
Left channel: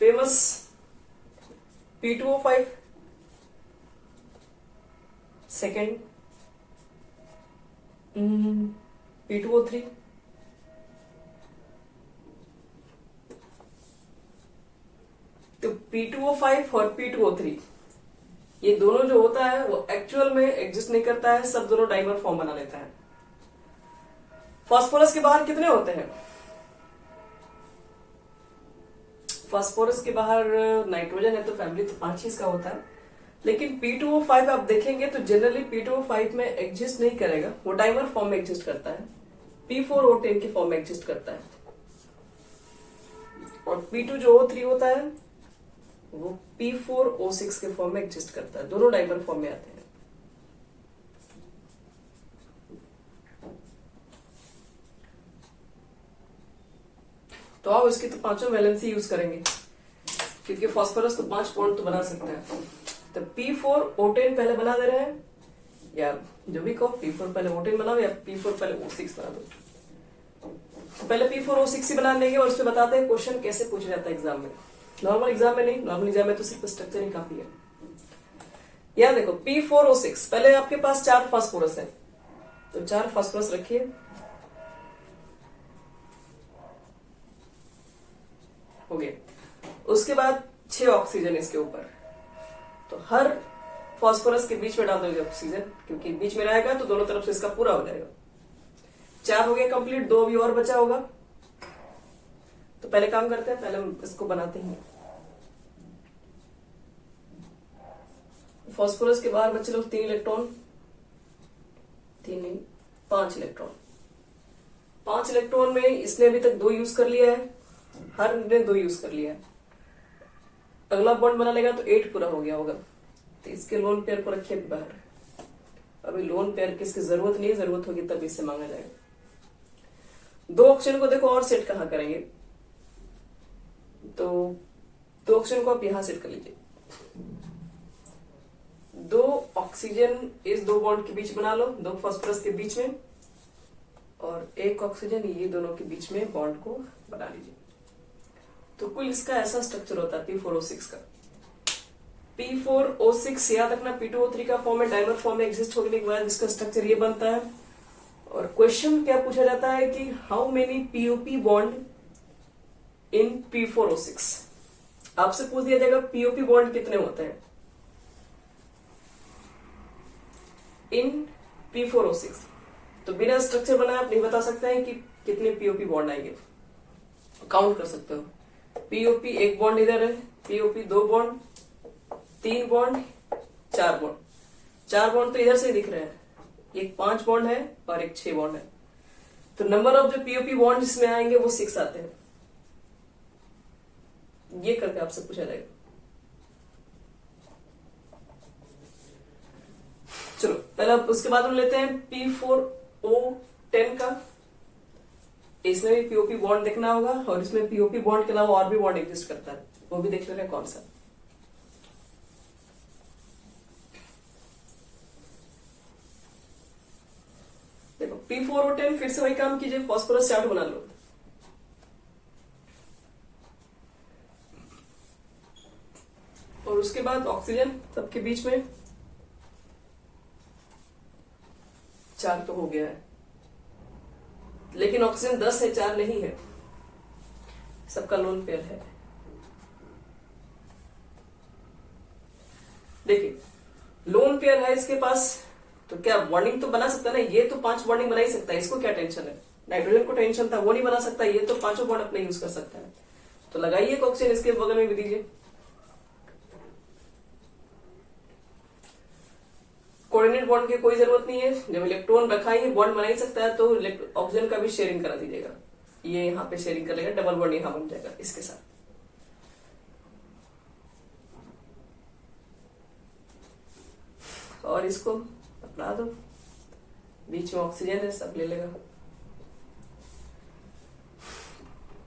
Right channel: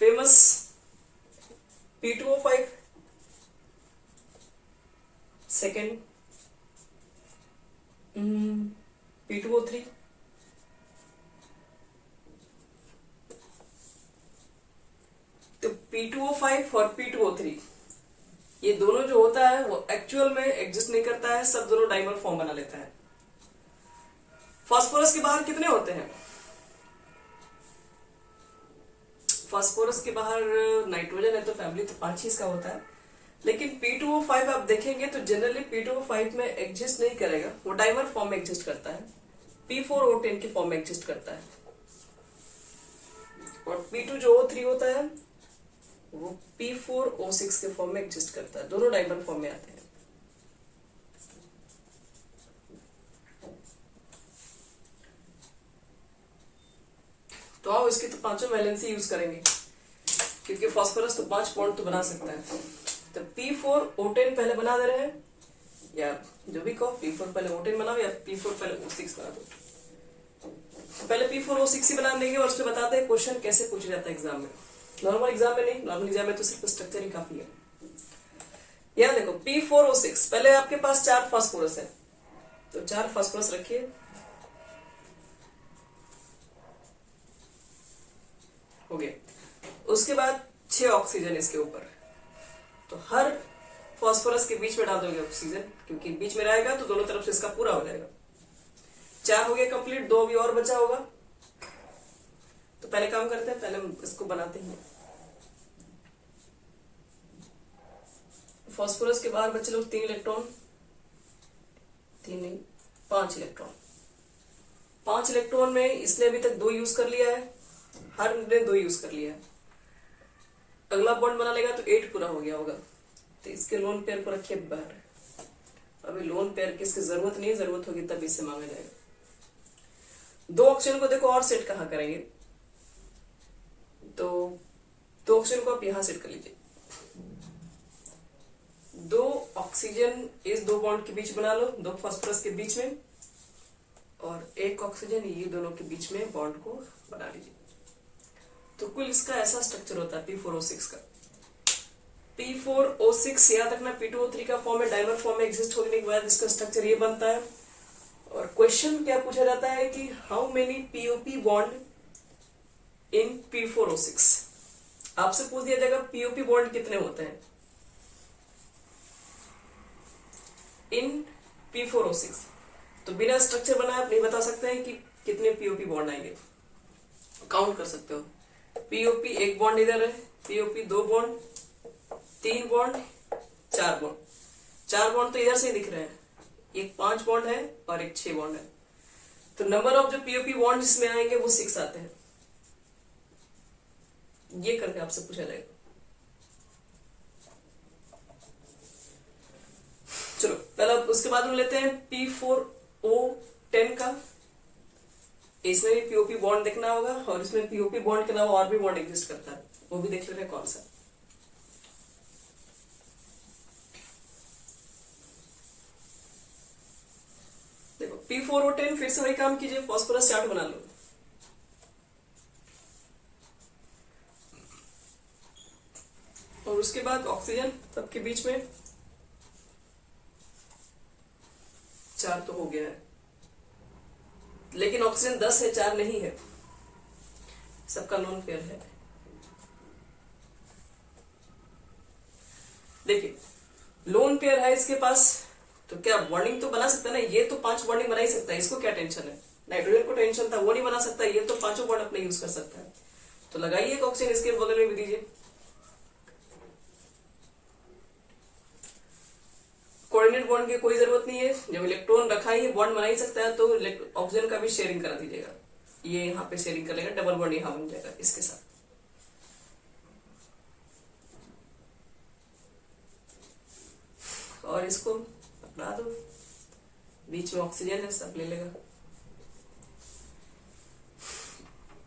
famous P2O5, second P2O3, तो P2O5 और P2O3 ये दोनों जो होता है वो एक्चुअल में एग्जिस्ट नहीं करता है, सब दोनों डाइमर फॉर्म बना लेता है। फास्फोरस के बाहर कितने होते हैं? फास्फोरस के बाहर नाइट्रोजन है तो फैमिली तो 5 ही इसका होता है, लेकिन P2O5 आप देखेंगे तो जनरली P2O5 में एग्जिस्ट नहीं करेगा, वो डाइमर फॉर्म में एग्जिस्ट करता है, P4O10 के फॉर्म में एग्जिस्ट करता है। और P2 जो O3 होता है वो P4O6 के फॉर्म में एग्जिस्ट करता है, दोनों डाइमर फॉर्म में आते हैं। तो आओ इसकी तो पांचों वैलेंसी यूज करेंगे, क्योंकि फास्फोरस तो 5 बॉन्ड तो बना सकता है। तो P4O10 पहले बना दे रहे हैं, या जो भी कहो, P4 पहले O10 बनाओ या P4 पहले O6 बना दो। पहले P4O6 ही बना लेंगे और उसमें बताते हैं क्वेश्चन कैसे पूछा जाता है एग्जाम में। नॉर्मल एग्जाम में नहीं, नॉर्मल एग्जाम में तो सिर्फ स्ट्रक्चर ही काफी है। यहां देखो P4O6, पहले आपके पास 4 फास्फोरस है, तो 4 फास्फोरस रखिए, हो गया। उसके बाद 6 ऑक्सीजन इसके ऊपर, तो हर फास्फोरस के बीच में डाल दोगे ऑक्सीजन, क्योंकि बीच में रहेगा तो दोनों तरफ से इसका पूरा हो जाएगा। 4 हो गया कंप्लीट, 2 भी और बचा होगा। तो पहले काम करते हैं, पहले हम इसको बनाते हैं। फास्फोरस के बाहर बचे लोग 3 इलेक्ट्रॉन, 3 नहीं 5 इलेक्ट्रॉन। 5 इलेक्ट्रॉन में इसने अभी तक 2 यूज कर लिया है, हर ने 2 यूज कर लिया है। अगला बॉन्ड बना लेगा तो 8 पूरा हो गया होगा, तो इसके लोन पेयर को रखिए बाहर। अभी लोन पेयर की इसकी जरूरत नहीं है, जरूरत होगी तब इससे मांगा जाएगा। 2 ऑक्सीजन को देखो और सेट कहां करेंगे, तो 2 ऑक्सीजन को आप यहां सेट कर लीजिए। 2 ऑक्सीजन इस 2 बॉन्ड के बीच बना लो, 2 फास्फोरस के बीच में, और 1 ऑक्सीजन ये दोनों के बीच में बॉन्ड को बना लीजिए। तो कुल इसका ऐसा स्ट्रक्चर होता है P4O6 का। P4O6 याद रखना P2O3 का फॉर्म में डाइमर फॉर्म में एग्जिस्ट होने के बाद इसका स्ट्रक्चर ये बनता है। और क्वेश्चन क्या पूछा जाता है कि how many POP bond in P4O6, आपसे पूछ दिया जाएगा POP बॉन्ड कितने होते हैं इन P4O6। तो बिना स्ट्रक्चर बनाए आप नहीं बता सकते हैं कि कितने POP बॉन्ड आएंगे, काउंट कर सकते हो। POP 1 बॉन्ड इधर है, POP 2 bond, 3 bond, 4 bond. 4 bond तो इधर से ही दिख रहे हैं, एक 5 बॉन्ड है और एक 6 बॉन्ड है। तो नंबर ऑफ जो POP बॉन्ड इसमें आएंगे वो 6 आते हैं। ये करके आपसे पूछा जाएगा। चलो पहला, उसके बाद हम लेते हैं P4O10 का। इसमें भी POP बॉन्ड देखना होगा, और इसमें POP बॉन्ड के अलावा और भी बॉन्ड एग्जिस्ट करता है, वो भी देख लेते हैं कौन सा। देखो P4O10 फिर से वही काम कीजिए, फास्फोरस चार्ट बना लो। और उसके बाद ऑक्सीजन सबके बीच में 4 तो हो गया है, लेकिन ऑक्सीजन 10 है, 4 नहीं है, सबका लोन पेयर है। देखिए लोन पेयर है इसके पास, तो क्या बॉन्डिंग तो बना सकता है ना, ये तो 5 बॉन्डिंग बना ही सकता है, इसको क्या टेंशन है। नाइट्रोजन को टेंशन था, वो नहीं बना सकता, ये तो 5 बॉन्ड अपने यूज कर सकता है। तो लगाइए एक ऑक्सीजन इसके बगल में भी दीजिए। कोऑर्डिनेट बॉन्ड की कोई जरूरत नहीं है, जब इलेक्ट्रॉन रखा ही बॉन्ड बना ही सकता है तो ऑक्सीजन का भी शेयरिंग करा दीजिएगा। ये यहाँ पे शेयरिंग कर लेगा, डबल बॉन्ड यहाँ बन जाएगा इसके साथ। और इसको पकड़ा दो, बीच में ऑक्सीजन है, सब ले लेगा।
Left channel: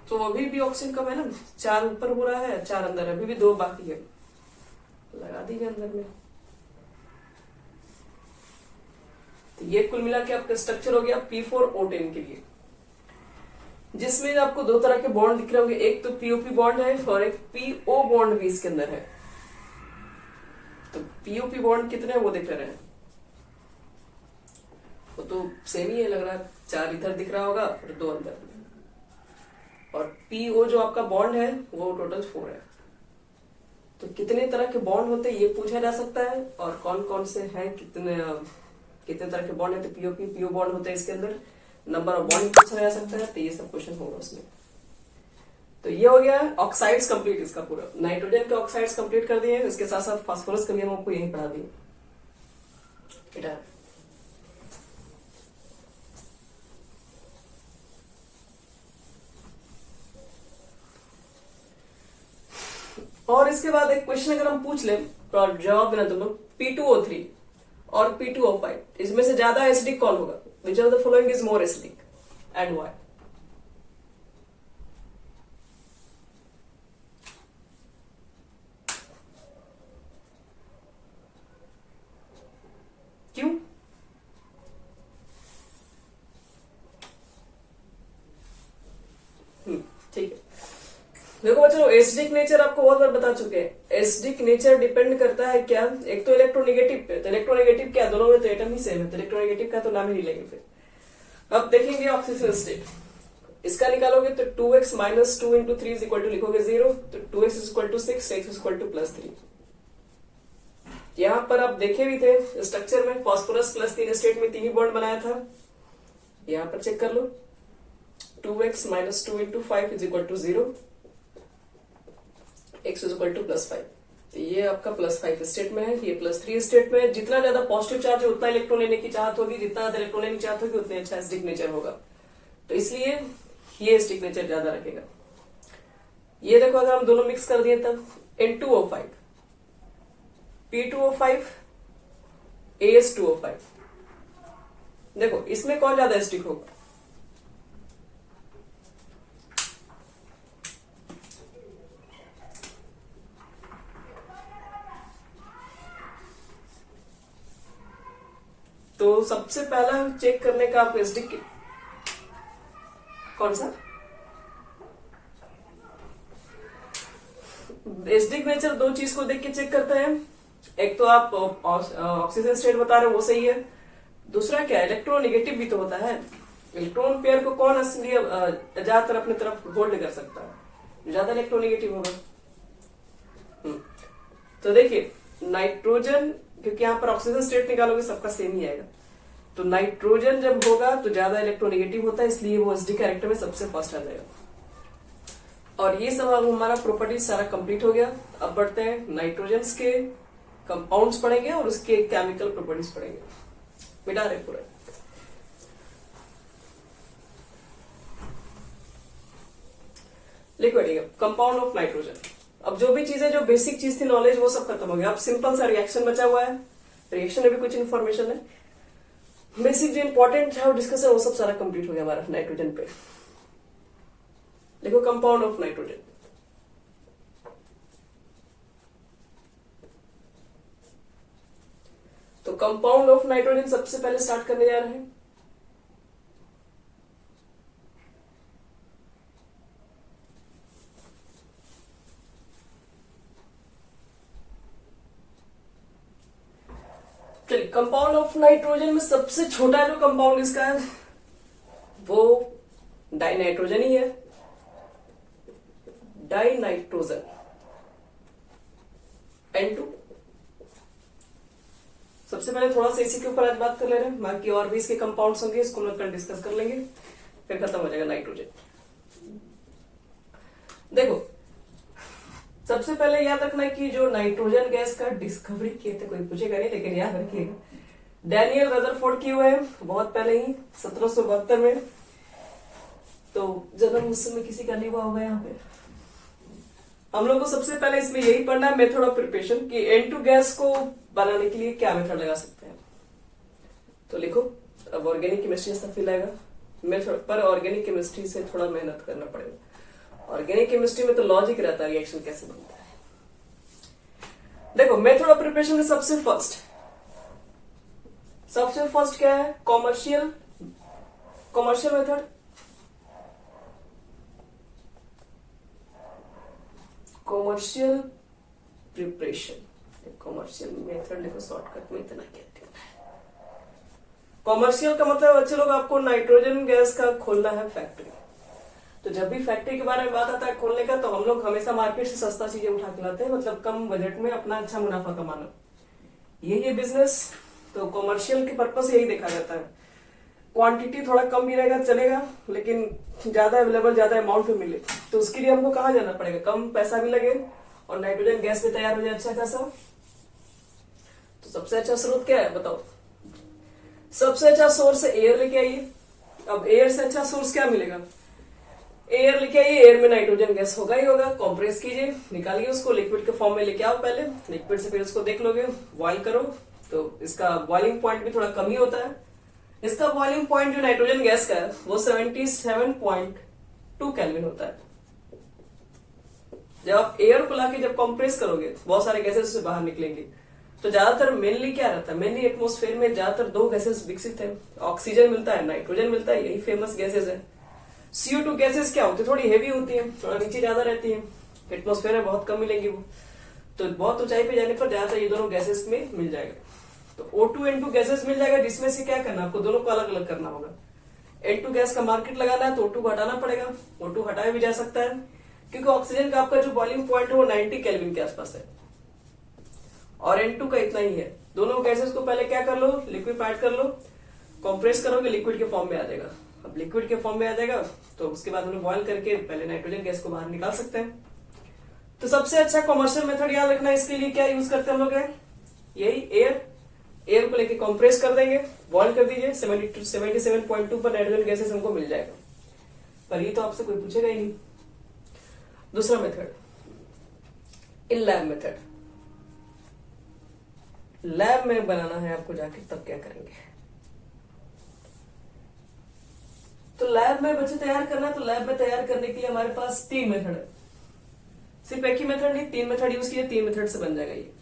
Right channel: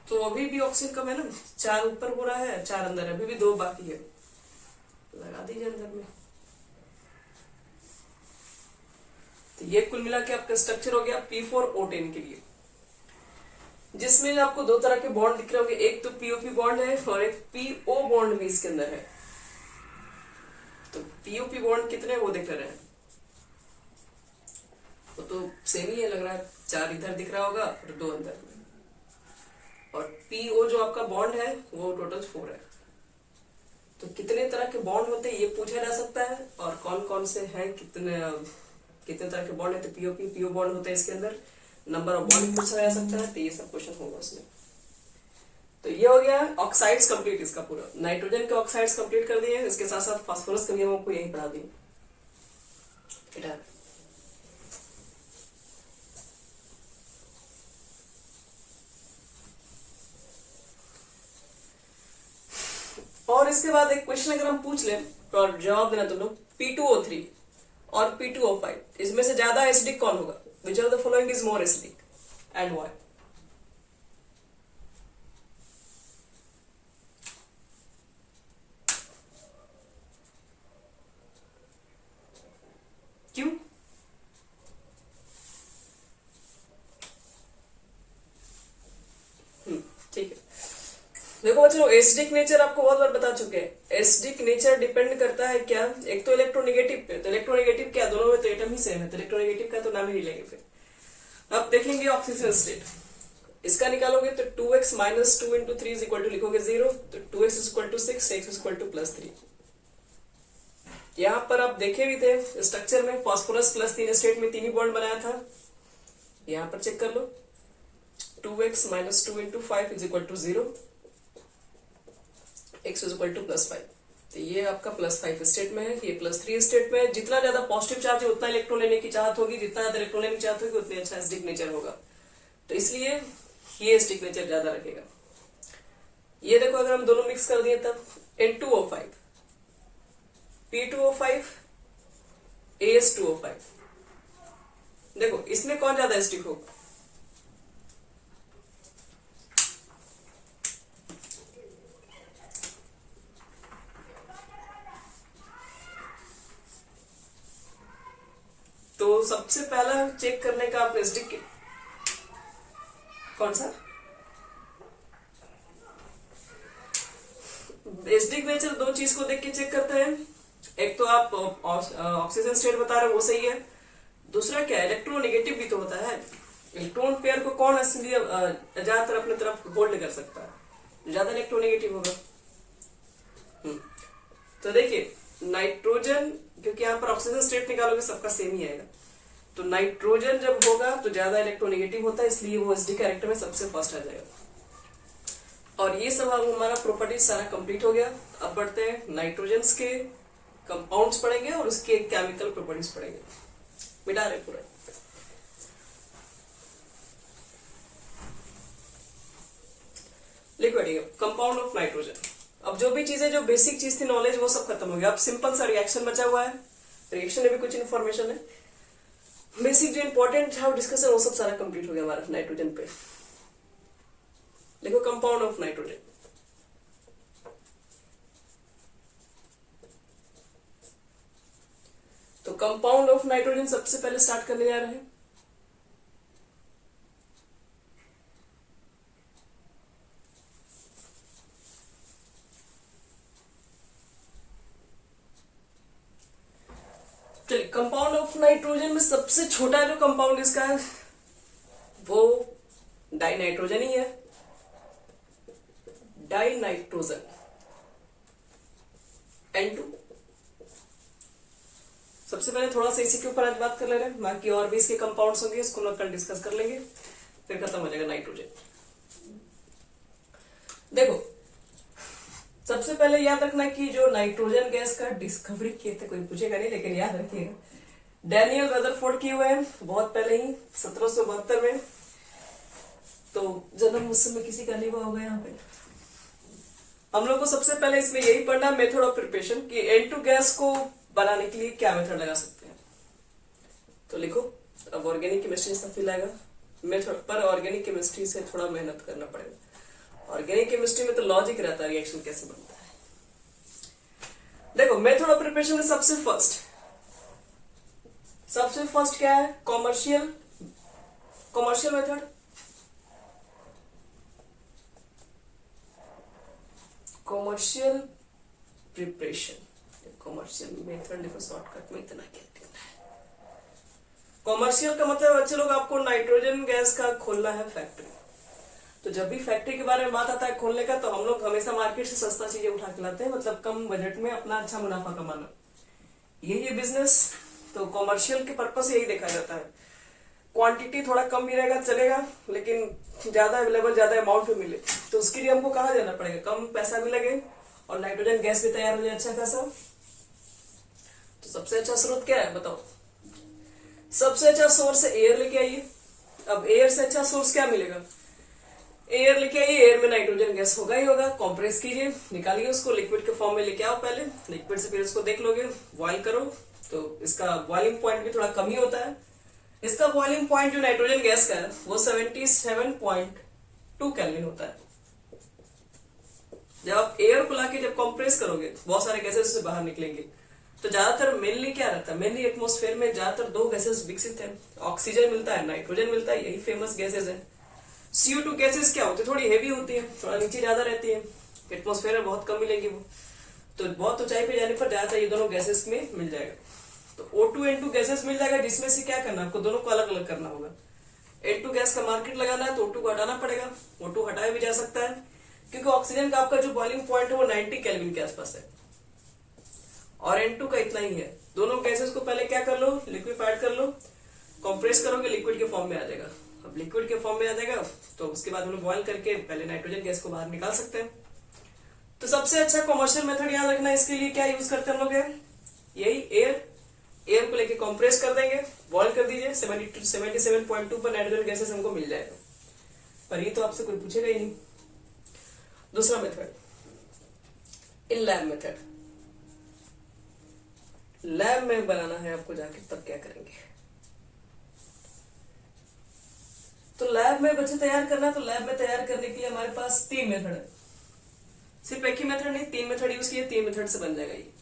तो अभी भी ऑक्सीजन कम है ना, 4 ऊपर हो रहा है, 4 अंदर है, अभी भी 2 बाकी है, लगा दीजिए अंदर में। तो ये कुल मिला के आपका स्ट्रक्चर हो गया P4O10 के लिए, जिसमें आपको दो तरह के बॉन्ड दिख रहे होंगे, एक तो POP बॉन्ड है और एक PO बॉन्ड भी इसके अंदर है। तो POP बॉन्ड कितने हैं वो देख रहे हैं, वो तो सेम ही है लग रहा है, 4 इधर दिख रहा होगा और 2 अंदर, और PO जो आपका बॉन्ड है वो टोटल 4 है। तो कितने तरह के बॉन्ड होते हैं ये पूछा जा सकता है, और कौन कौन से हैं, कितने तरह के बॉन्ड है, तो PO बॉन्ड होते हैं इसके अंदर, नंबर ऑफ बॉन्ड पूछा जा सकता है, तो ये सब क्वेश्चन होगा उसमें। तो ये हो गया ऑक्साइड्स कंप्लीट, इसका पूरा नाइट्रोजन के ऑक्साइड्स कंप्लीट कर दिए, इसके साथ साथ फास्फोरस के भी हम आपको यही पढ़ा दिए बेटा। और इसके बाद एक क्वेश्चन अगर हम पूछ ले तो जवाब देना तुम लोग, P2O3 और P2O5 इसमें से ज्यादा एसिडिक कौन होगा, which of the following is more acidic and why? क्यों? ठीक है, देखो बच्चों एसिडिक नेचर आपको बहुत बार बता चुके हैं। एसिडिक नेचर डिपेंड करता है क्या, एक तो इलेक्ट्रोनेगेटिव पे, तो इलेक्ट्रोनेगेटिव क्या, दोनों में तो एटम ही सेम है, तो इलेक्ट्रोनेगेटिव का तो नाम ही नहीं लेंगे। फिर अब देखेंगे ऑक्सीजन स्टेट, इसका निकालोगे तो 2x minus 2 into 3 is equal to लिखोगे 0, तो 2x is equal to 6, x is equal to plus 3। यहां पर आप देखे भी थे स्ट्रक्चर में फॉस्फोरस प्लस 3 स्टेट में 3 ही बॉन्ड बनाया था, यहां पर चेक कर लो 2x minus 2 into 5 is equal to 0, x is equal to plus 5। तो ये आपका प्लस 5 स्टेट में है, ये प्लस 3 स्टेट में है। जितना ज्यादा पॉजिटिव चार्ज है उतना इलेक्ट्रॉन लेने की चाहत होगी, जितना ज्यादा इलेक्ट्रॉन लेने की चाहत होगी उतनी अच्छा एसिडिक नेचर होगा, तो इसलिए ये एसिडिक नेचर ज्यादा रखेगा। ये देखो अगर हम दोनों मिक्स कर दिए तब N2O5 P2O5 AS2O5, देखो इसमें कौन ज्यादा एसिडिक होगा, तो सबसे पहला चेक करने का आप एसिडिक कौन सा, एसिडिक नेचर दो चीज को देख के चेक करते हैं, एक तो आप ऑक्सीजन स्टेट बता रहे हो वो सही है, दूसरा क्या इलेक्ट्रोनेगेटिव भी तो होता है, इलेक्ट्रॉन पेयर को कौन असली ज्यादातर अपने तरफ होल्ड कर सकता है, ज्यादा इलेक्ट्रोनेगेटिव होगा। तो देखिए नाइट्रोजन, क्योंकि यहाँ पर ऑक्सीजन स्टेट निकालोगे सबका सेम ही आएगा, तो नाइट्रोजन जब होगा तो ज्यादा इलेक्ट्रोनेगेटिव होता है, इसलिए वो एसिडिक कैरेक्टर में सबसे फर्स्ट आ जाएगा। और ये सब अब हमारा प्रॉपर्टी सारा कंप्लीट हो गया। अब बढ़ते हैं नाइट्रोजन के कंपाउंड्स पढ़ेंगे और उसके केमिकल प्रॉपर्टीज पढ़ेंगे, मिटा रहे पूरा। लिखिए कंपाउंड ऑफ नाइट्रोजन। अब जो भी चीजें, जो बेसिक चीज थी नॉलेज, वो सब खत्म हो गया। अब सिंपल सा रिएक्शन बचा हुआ है, रिएक्शन में भी कुछ इन्फॉर्मेशन है, बेसिक जो इंपॉर्टेंट है वो डिस्कशन, वो सब सारा कंप्लीट हो गया हमारा नाइट्रोजन पे। लिखो कंपाउंड ऑफ नाइट्रोजन। तो कंपाउंड ऑफ नाइट्रोजन सबसे पहले स्टार्ट करने जा रहे हैं। चलिए कंपाउंड ऑफ नाइट्रोजन में सबसे छोटा जो कंपाउंड इसका है वो डाइनाइट्रोजन ही है, डाइनाइट्रोजन N2। सबसे पहले थोड़ा सा इसी के ऊपर आज बात कर ले रहे हैं, बाकी और भी इसके कंपाउंड्स होंगे, इसको हम कल डिस्कस कर लेंगे, फिर खत्म हो जाएगा नाइट्रोजन। देखो सबसे पहले याद रखना कि जो नाइट्रोजन गैस का डिस्कवरी किए थे, कोई पूछेगा नहीं लेकिन याद रखिएगा, डैनियल रदरफोर्ड किए हुए हैं बहुत पहले ही 1772 में। तो जन्म उस समय किसी का नहीं हुआ होगा यहाँ पे। हम लोग को सबसे पहले इसमें यही पढ़ना है मेथड ऑफ प्रिपरेशन, कि N2 गैस को बनाने के लिए क्या मेथड लगा सकते हैं। तो लिखो, अब ऑर्गेनिक केमिस्ट्री से फील आएगा मेथड पर, ऑर्गेनिक केमिस्ट्री से थोड़ा मेहनत करना पड़ेगा। ऑर्गेनिक केमिस्ट्री में तो लॉजिक रहता है, रिएक्शन कैसे बनता है। देखो मेथड ऑफ प्रिपरेशन में सबसे फर्स्ट सबसे फर्स्ट क्या है, commercial method. Commercial preparation, commercial method लिखो शॉर्टकट में, इतना क्या लिखना है। कॉमर्शियल का मतलब बच्चे लोग आपको नाइट्रोजन गैस का खोलना है फैक्ट्री। तो जब भी फैक्ट्री के बारे में बात आता है खोलने का, तो हम लोग हमेशा मार्केट से सस्ता चीजें उठा के लाते हैं, मतलब कम बजट में अपना अच्छा मुनाफा कमाना, यही है बिजनेस। तो कॉमर्शियल के पर्पज से यही देखा जाता है। क्वांटिटी थोड़ा कम भी रहेगा चलेगा, लेकिन ज्यादा अवेलेबल, ज्यादा अमाउंट में मिले, तो उसके लिए हमको कहाँ जाना पड़ेगा, कम पैसा भी लगे और नाइट्रोजन गैस भी तैयार हो जाए अच्छा खासा। तो सबसे अच्छा स्रोत क्या है बताओ? सबसे अच्छा सोर्स एयर लेके आइए। अब एयर से अच्छा सोर्स क्या मिलेगा? एयर लेके आइए, एयर में नाइट्रोजन गैस होगा ही होगा। कंप्रेस कीजिए, निकालिए उसको, लिक्विड के फॉर्म में लेके आओ पहले, लिक्विड से फिर उसको देख लोगे, बॉइल करो, तो इसका बॉइलिंग पॉइंट भी थोड़ा कम ही होता है। इसका बॉइलिंग पॉइंट जो नाइट्रोजन गैस का है वो 77.2 केल्विन होता है। जब आप एयर को लाके जब कंप्रेस करोगे, बहुत सारे गैसेस से बाहर निकलेंगे, तो ज्यादातर मेनली क्या रहता है, मेनली एटमोस्फेयर में ज्यादातर दो गैसेस विकसित है, ऑक्सीजन मिलता है, नाइट्रोजन मिलता है, यही फेमस गैसेस है। CO2 गैसेस क्या होती है, थोड़ी हेवी होती है, थोड़ा नीचे ज्यादा रहती है, एटमोस्फेयर में बहुत कम मिलेंगी वो, तो बहुत ऊंचाई पे जाने पर ज्यादातर ये दोनों गैसेस में मिल जाएगा। तो O2 N2 गैसेस मिल जाएगा, जिसमें से क्या करना है आपको, दोनों को अलग अलग करना होगा। N2 गैस का मार्केट लगाना है तो O2 को हटाना पड़ेगा, O2 हटाया भी जा सकता है, क्योंकि ऑक्सीजन का आपका जो बॉइलिंग पॉइंट है वो 90 केल्विन के आसपास है, और N2 का इतना ही है। दोनों गैसेस को पहले क्या कर लो, लिक्विफाइड कर लो, कंप्रेस करोगे, लिक्विड के फॉर्म में आ जाएगा। अब लिक्विड के फॉर्म में आ जाएगा तो उसके बाद हम लोग बॉइल करके पहले नाइट्रोजन गैस को बाहर निकाल सकते हैं। तो सबसे अच्छा कमर्शियल मेथड याद रखना, इसके लिए क्या यूज करते हैं हम लोग, है यही एयर को लेके कंप्रेस कर देंगे, बॉइल कर दीजिए, 77.2 पर नाइट्रोजन गैसेस हमको मिल जाएगा। पर ये तो आपसे कोई पूछेगा ही नहीं। दूसरा method, in lab method. Lab में बनाना है आपको जाके, तब क्या करेंगे? तो लैब में बच्चे तैयार करना है, तो लैब में तैयार करने के लिए हमारे पास 3 मेथड है। सिर्फ एक ही मेथड नहीं, 3 मेथड यूज किए, 3 मेथड से बन जाएगा ये।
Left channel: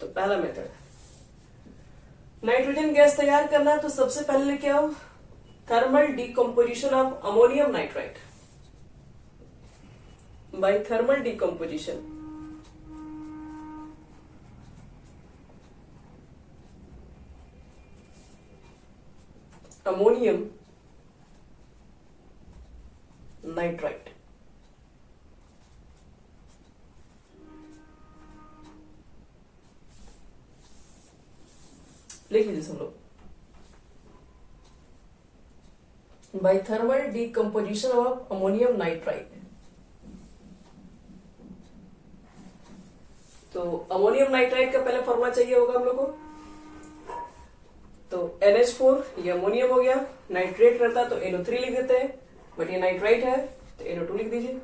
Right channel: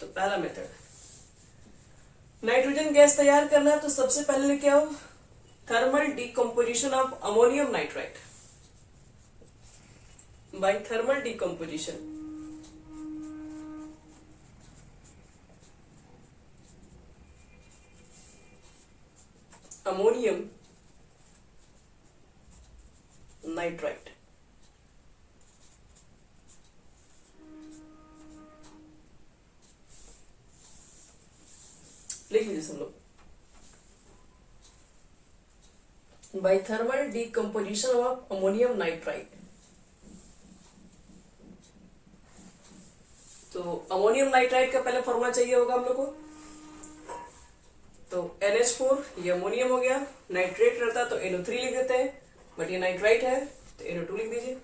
तो पहला मेथड, नाइट्रोजन गैस तैयार करना है, तो सबसे पहले लेके आओ thermal decomposition of ammonium nitrite. By thermal decomposition ammonium nitrite. लिख लीजिए सब लोग, by thermal decomposition of ammonium nitrite. तो अमोनियम नाइट्राइट का पहले फॉर्मूला चाहिए होगा हम लोग को। तो NH4 ये अमोनियम हो गया, नाइट्रेट रहता तो NO3 लिख देते हैं, बट ये नाइट्राइट है तो NO2 लिख दीजिए।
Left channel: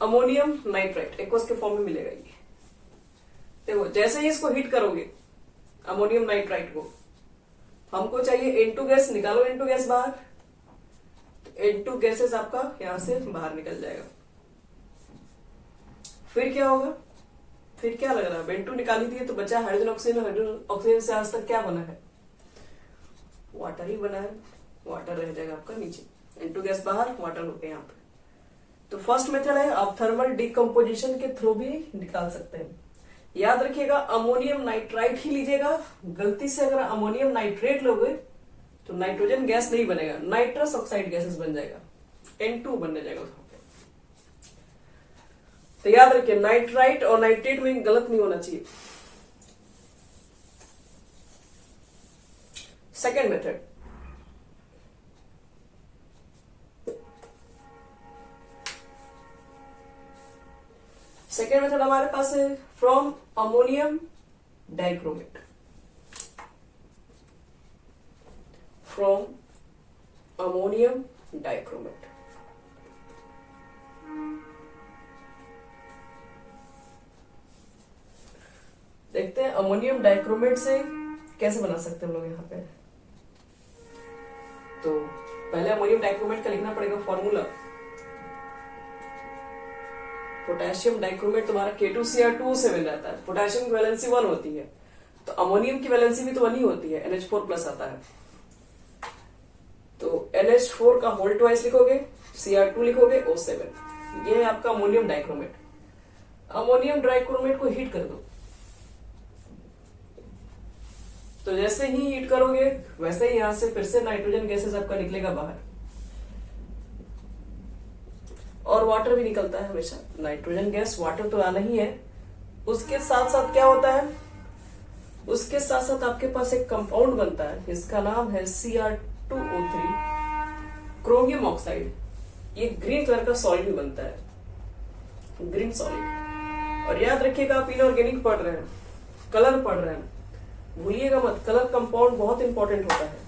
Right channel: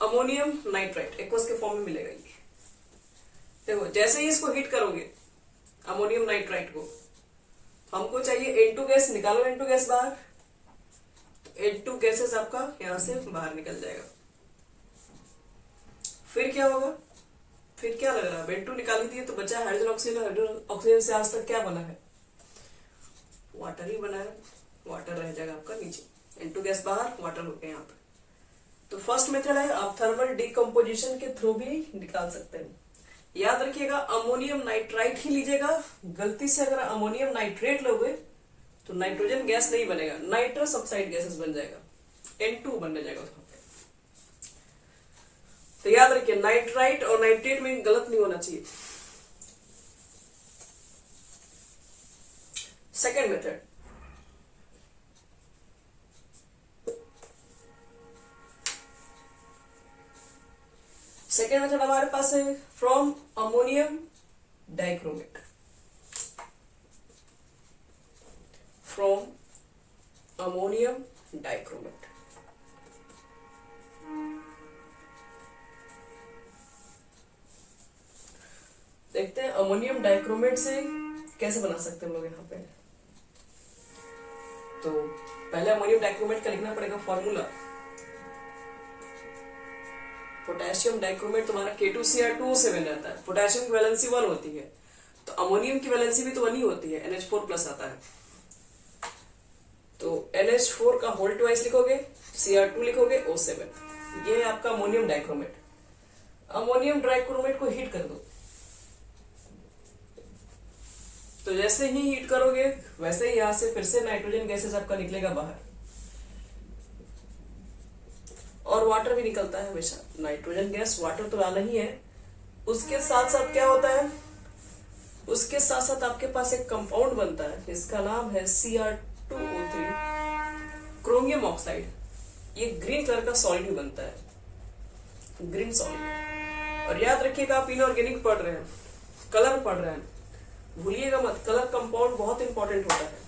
अमोनियम नाइट्राइट एक्वस के फॉर्म में मिलेगा ये। देखो जैसे ही इसको हीट करोगे अमोनियम नाइट्राइट को, हमको चाहिए N2 गैस, निकालो N2 गैस बाहर, तो N2 गैसेस आपका यहां से बाहर निकल जाएगा। फिर क्या होगा, फिर क्या लग रहा है, N2 निकाली थी तो बचा हाइड्रोजन ऑक्सीजन, हाइड्रोजन ऑक्सीजन से आज तक क्या बना है, वाटर ही बना है, वाटर रह जाएगा आपका नीचे, N2 गैस बाहर, वाटर हो गया यहाँ पे। तो फर्स्ट मेथड है, आप थर्मल डिकम्पोजिशन के थ्रू भी निकाल सकते हैं। याद रखिएगा अमोनियम नाइट्राइट ही लीजिएगा, गलती से अगर अमोनियम नाइट्रेट लोगे तो नाइट्रोजन गैस नहीं बनेगा, नाइट्रस ऑक्साइड गैसेस बन जाएगा, N2 बनने जाएगा वहां पे। तो याद रखिए नाइट्राइट और नाइट्रेट में गलत नहीं होना चाहिए। सेकेंड मेथड, सेकेंड मेथड हमारे पास है from ammonium dichromate. From ammonium dichromate, देखते हैं अमोनियम डाइक्रोमेट से कैसे बना सकते हैं हम लोग यहाँ पे। तो पहले अमोनियम डाइक्रोमेट का लिखना पड़ेगा फॉर्मूला। पोटेशियम डाइक्रोमेट तुम्हारा K2Cr2O7 रहता है, पोटेशियम की वैलेंसी 1 होती है, तो अमोनियम की वैलेंसी भी तो 1 ही होती है, NH4 प्लस आता है। तो NH4 का होल ट्वाइस लिखोगे, Cr2 लिखोगे, O7। ये है आपका अमोनियम डाइक्रोमेट। अमोनियम डाइक्रोमेट को हीट कर दो, तो जैसे ही हीट करोगे वैसे ही यहां से फिर से नाइट्रोजन गैसेस आपका निकलेगा बाहर, और वाटर भी निकलता है हमेशा। नाइट्रोजन गैस, वाटर तो आना ही है। उसके साथ साथ क्या होता है, उसके साथ साथ आपके पास एक कंपाउंड बनता है, इसका नाम है Cr2O3 क्रोमियम ऑक्साइड। ये ग्रीन कलर का सॉलिड भी बनता है, ग्रीन सॉलिड। और याद रखिएगा, आप इनऑर्गेनिक पढ़ रहे हैं, कलर पढ़ रहे हैं, भूलिएगा मत, कलर कंपाउंड बहुत इंपॉर्टेंट होता है।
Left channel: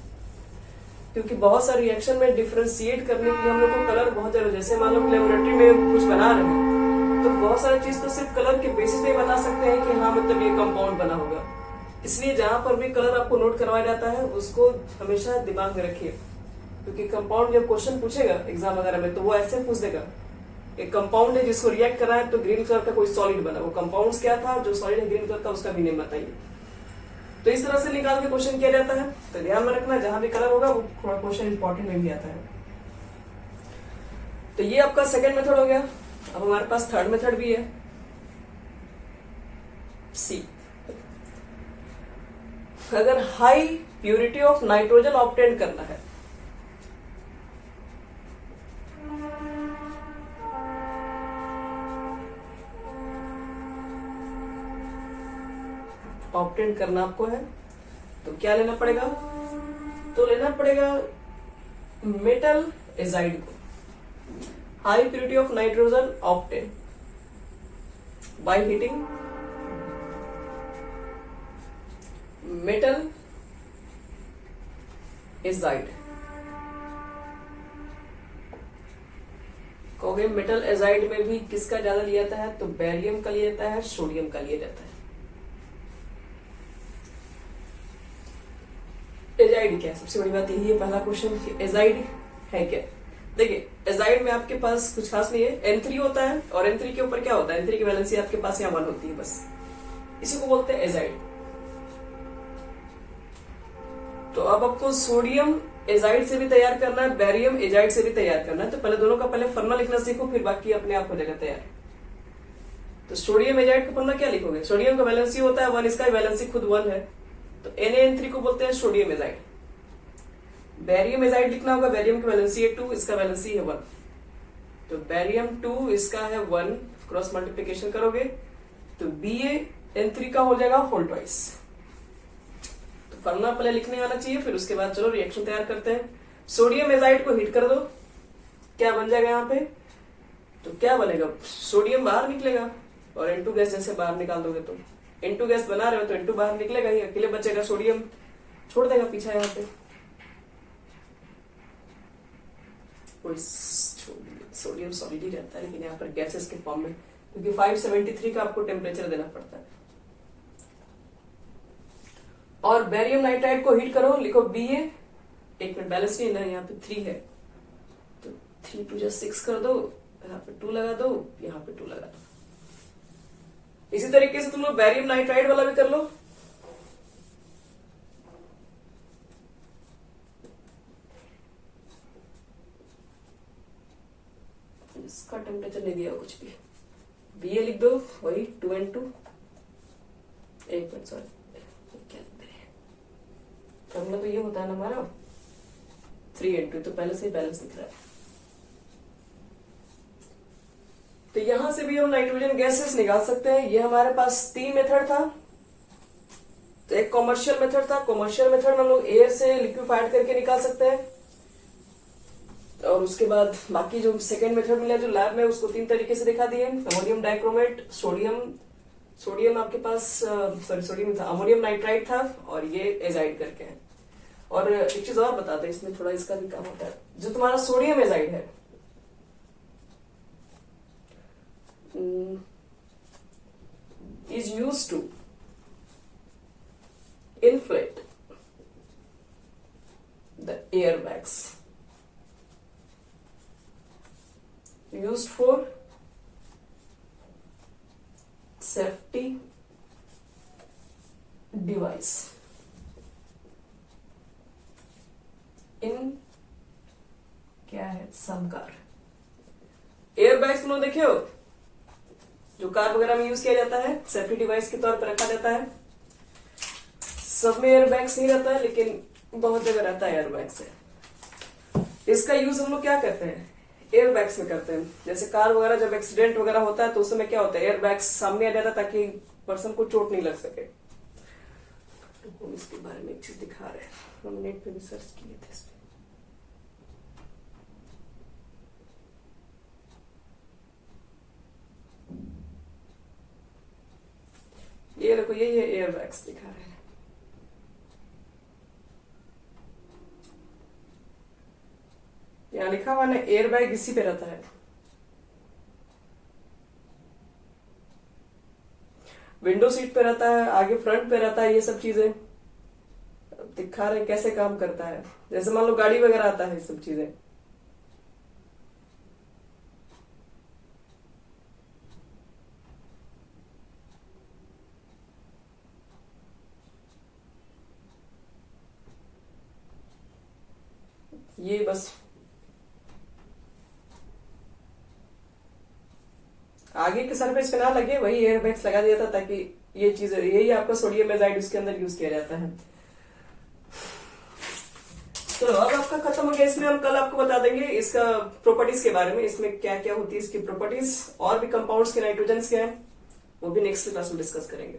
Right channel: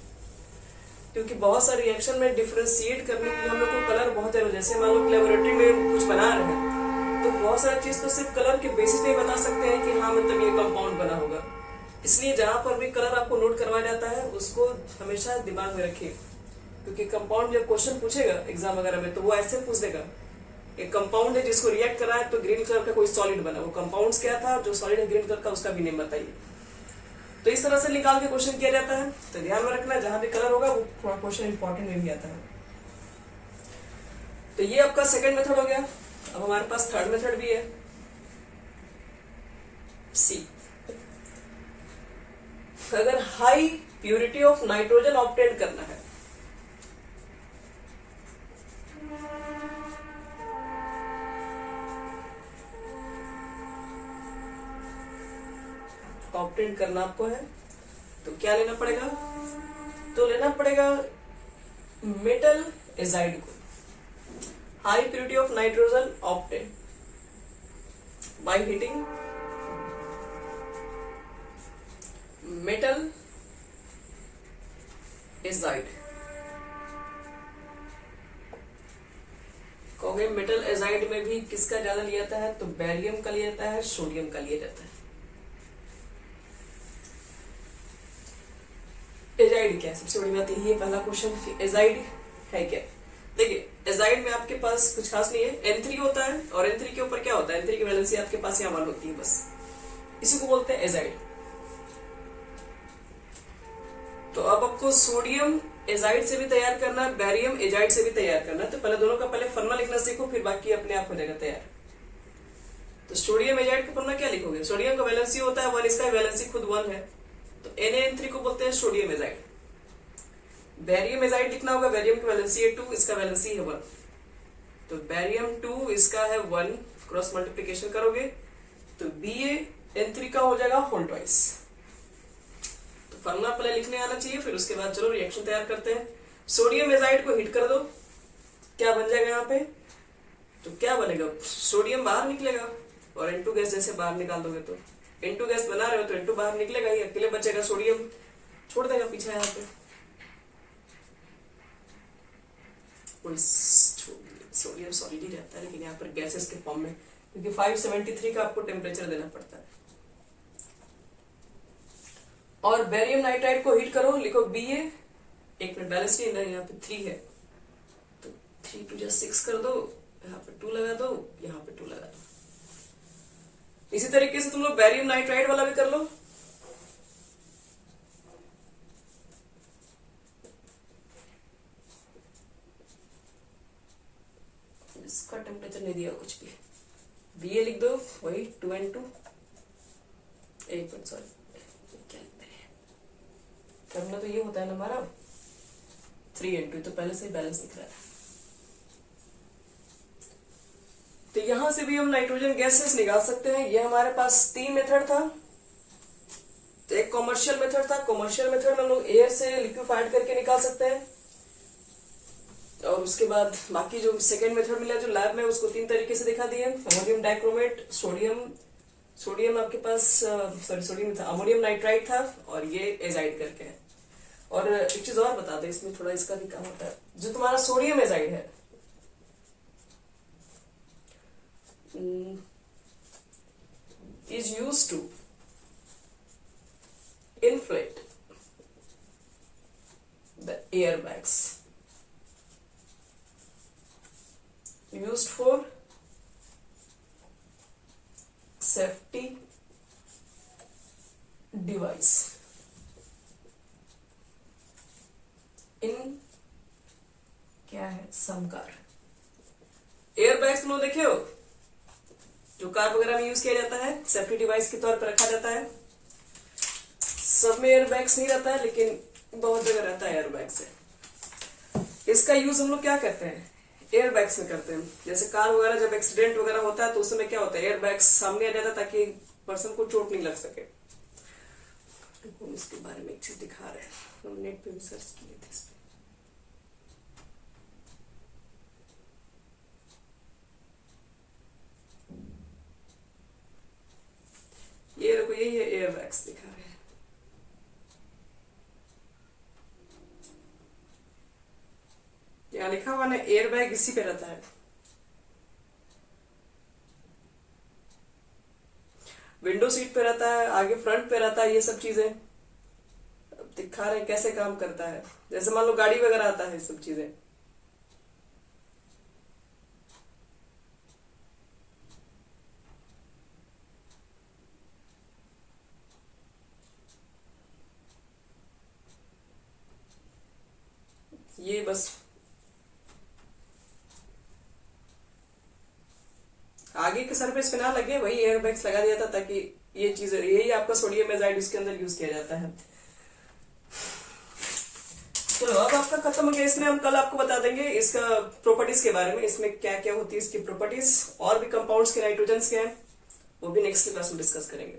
क्योंकि बहुत सारे रिएक्शन में डिफरेंशिएट करने के लिए हम लोग को कलर बहुत ज्यादा, जैसे मान लो लेबोरेटरी में कुछ बना रहे हैं तो बहुत सारी चीज तो सिर्फ कलर के बेसिस पे बता सकते हैं कि हाँ मतलब ये कंपाउंड बना होगा। इसलिए जहां पर भी कलर आपको नोट करवाया जाता है उसको हमेशा दिमाग में रखिए, क्योंकि कंपाउंड जब क्वेश्चन पूछेगा एग्जाम वगैरह में तो वो ऐसे पूछ देगा, एक कंपाउंड है जिसको रिएक्ट करा है तो ग्रीन कलर का कोई सॉलिड बना, वो कंपाउंड क्या था जो सॉलिड है ग्रीन कलर का, उसका भी नेम बताइए। तो इस तरह से निकाल के क्वेश्चन किया जाता है। तो ध्यान में रखना, जहां भी कलर होगा वो थोड़ा क्वेश्चन इंपॉर्टेंट में भी आता है। तो ये आपका सेकंड मेथड हो गया। अब हमारे पास थर्ड मेथड भी है, सी। अगर high purity of nitrogen obtain करना है, ऑब्टेन करना आपको है तो क्या लेना पड़ेगा, तो लेना पड़ेगा मेटल एजाइड को। High purity of nitrogen obtain by heating metal azide. कहोगे मेटल एजाइड में भी किसका ज्यादा लिया जाता है, तो बेरियम का लिया जाता है, सोडियम का लिया जाता है। एजाइड क्या है, सबसे बड़ी बात यही है पहला क्वेश्चन कि एजाइड है क्या। देखिए एजाइड में आपके पास कुछ खास नहीं है, N3 होता है और N3 के ऊपर क्या होता है, N3 की वैलेंसी आपके पास यहाँ 1 होती है, बस इसी को बोलते हैं एजाइड। तो अब आपको सोडियम एजाइड से भी तैयार करना है, बेरियम एजाइड से भी तैयार करना है, तो पहले दोनों का पहले फॉर्मूला लिखना सीखो, फिर बाकी अपने आप हो जाएगा तैयार। तो सोडियम एजाइड का फॉर्मूला क्या लिखोगे, सोडियम का वैलेंसी होता है 1, इसका वैलेंसी खुद 1 है, तो NaN3 को बोलते हैं सोडियम एजाइड। बेरियम एजाइड लिखना होगा, बेरियम का वैलेंसी है 2, इसका वैलेंसी है 1, तो बेरियम 2 इसका है 1, क्रॉस मल्टीप्लीकेशन करोगे तो BaN3 का हो जाएगा होल ट्वाइस। तो फॉर्मूला पहले लिखने आना चाहिए, फिर उसके बाद चलो रिएक्शन तैयार करते हैं। सोडियम एजाइड को हीट कर दो, क्या बन जाएगा यहाँ पे, तो क्या बनेगा, सोडियम बाहर निकलेगा और N2 गैस जैसे बाहर निकाल दोगे तो N2 गैस बना रहे हो तो N2 बाहर निकलेगा ही, अकेले बचेगा सोडियम, छोड़ देगा पीछे यहाँ पे। सोडियम सॉलिड ही रहता है लेकिन यहाँ पर गैसेस के फॉर्म में, क्योंकि 573 का आपको टेम्परेचर देना पड़ता है। और बेरियम नाइट्राइड को हीट करो, लिखो Ba, एक में बैलेंस नहीं है, यहाँ पे 3 है तो 3 2 6 कर दो, यहाँ पे 2 लगा दो, यहाँ पे 2 लगा दो। इसी तरीके से तुम लोग बेरियम नाइट्राइड वाला भी कर लो। इसका टेम्परेचर नहीं दिया कुछ भी, Ba लिख दो, वही 2N2, एक मिनट सॉरी क्या लिखते हैं, फॉर्मूला तो ये होता है ना हमारा 3N2, तो पहले से ही बैलेंस दिख रहा है। तो यहां से भी हम नाइट्रोजन गैसेस निकाल सकते हैं। ये हमारे पास 3 मेथड था। तो एक कॉमर्शियल मेथड था, कॉमर्शियल मेथड में हम लोग एयर से लिक्विफाइड करके निकाल सकते हैं, और उसके बाद बाकी जो सेकेंड मेथड मिला जो लैब में, उसको 3 तरीके से दिखा दिए। अमोनियम डाइक्रोमेट, सोडियम आपके पास सोडियम था, अमोनियम नाइट्राइड था, और ये एजाइड करके है। और एक चीज और बता दें, इसमें थोड़ा इसका भी काम होता है। जो तुम्हारा सोडियम एजाइड है is used to inflate the airbags, used for safety device इन क्या है सम कार। एयर बैग्स में देखे हो जो कार वगैरह में यूज किया जाता है, सेफ्टी डिवाइस के तौर पर रखा जाता है। सब में एयर बैग्स नहीं रहता है लेकिन बहुत जगह रहता है एयर बैग से। इसका यूज हम लोग क्या करते हैं, एयर बैग्स में करते हैं। जैसे कार वगैरह जब एक्सीडेंट वगैरह होता है तो उस समय क्या होता है, एयर बैग्स सामने आ जाता है ताकि पर्सन को चोट नहीं लग सके। तो हम इसके बारे में एक चीज दिखा रहे हैं, हम नेट पे भी सर्च किए थे इसमें। ये देखो ये एयर बैग्स दिखा रहे हैं। यहाँ लिखा हुआ ना एयर बैग इसी पे रहता है। विंडो सीट पे रहता है, आगे फ्रंट पे रहता है, ये सब चीजें दिखा रहे हैं कैसे काम करता है। जैसे मान लो गाड़ी वगैरह आता है, ये सब चीजें। ये बस आगे के सरफेस पे ना लगे, वही एयर बैग्स लगा दिया था ताकि ये चीज, यही आपका सोडियम एजाइड इसके अंदर यूज किया जाता है। तो अब आपका खत्म हो गया। इसमें हम कल आपको बता देंगे इसका प्रॉपर्टीज के बारे में, इसमें क्या क्या होती है इसकी प्रॉपर्टीज, और भी कंपाउंड्स के नाइट्रोजन के हैं, वो भी नेक्स्ट क्लास में डिस्कस करेंगे।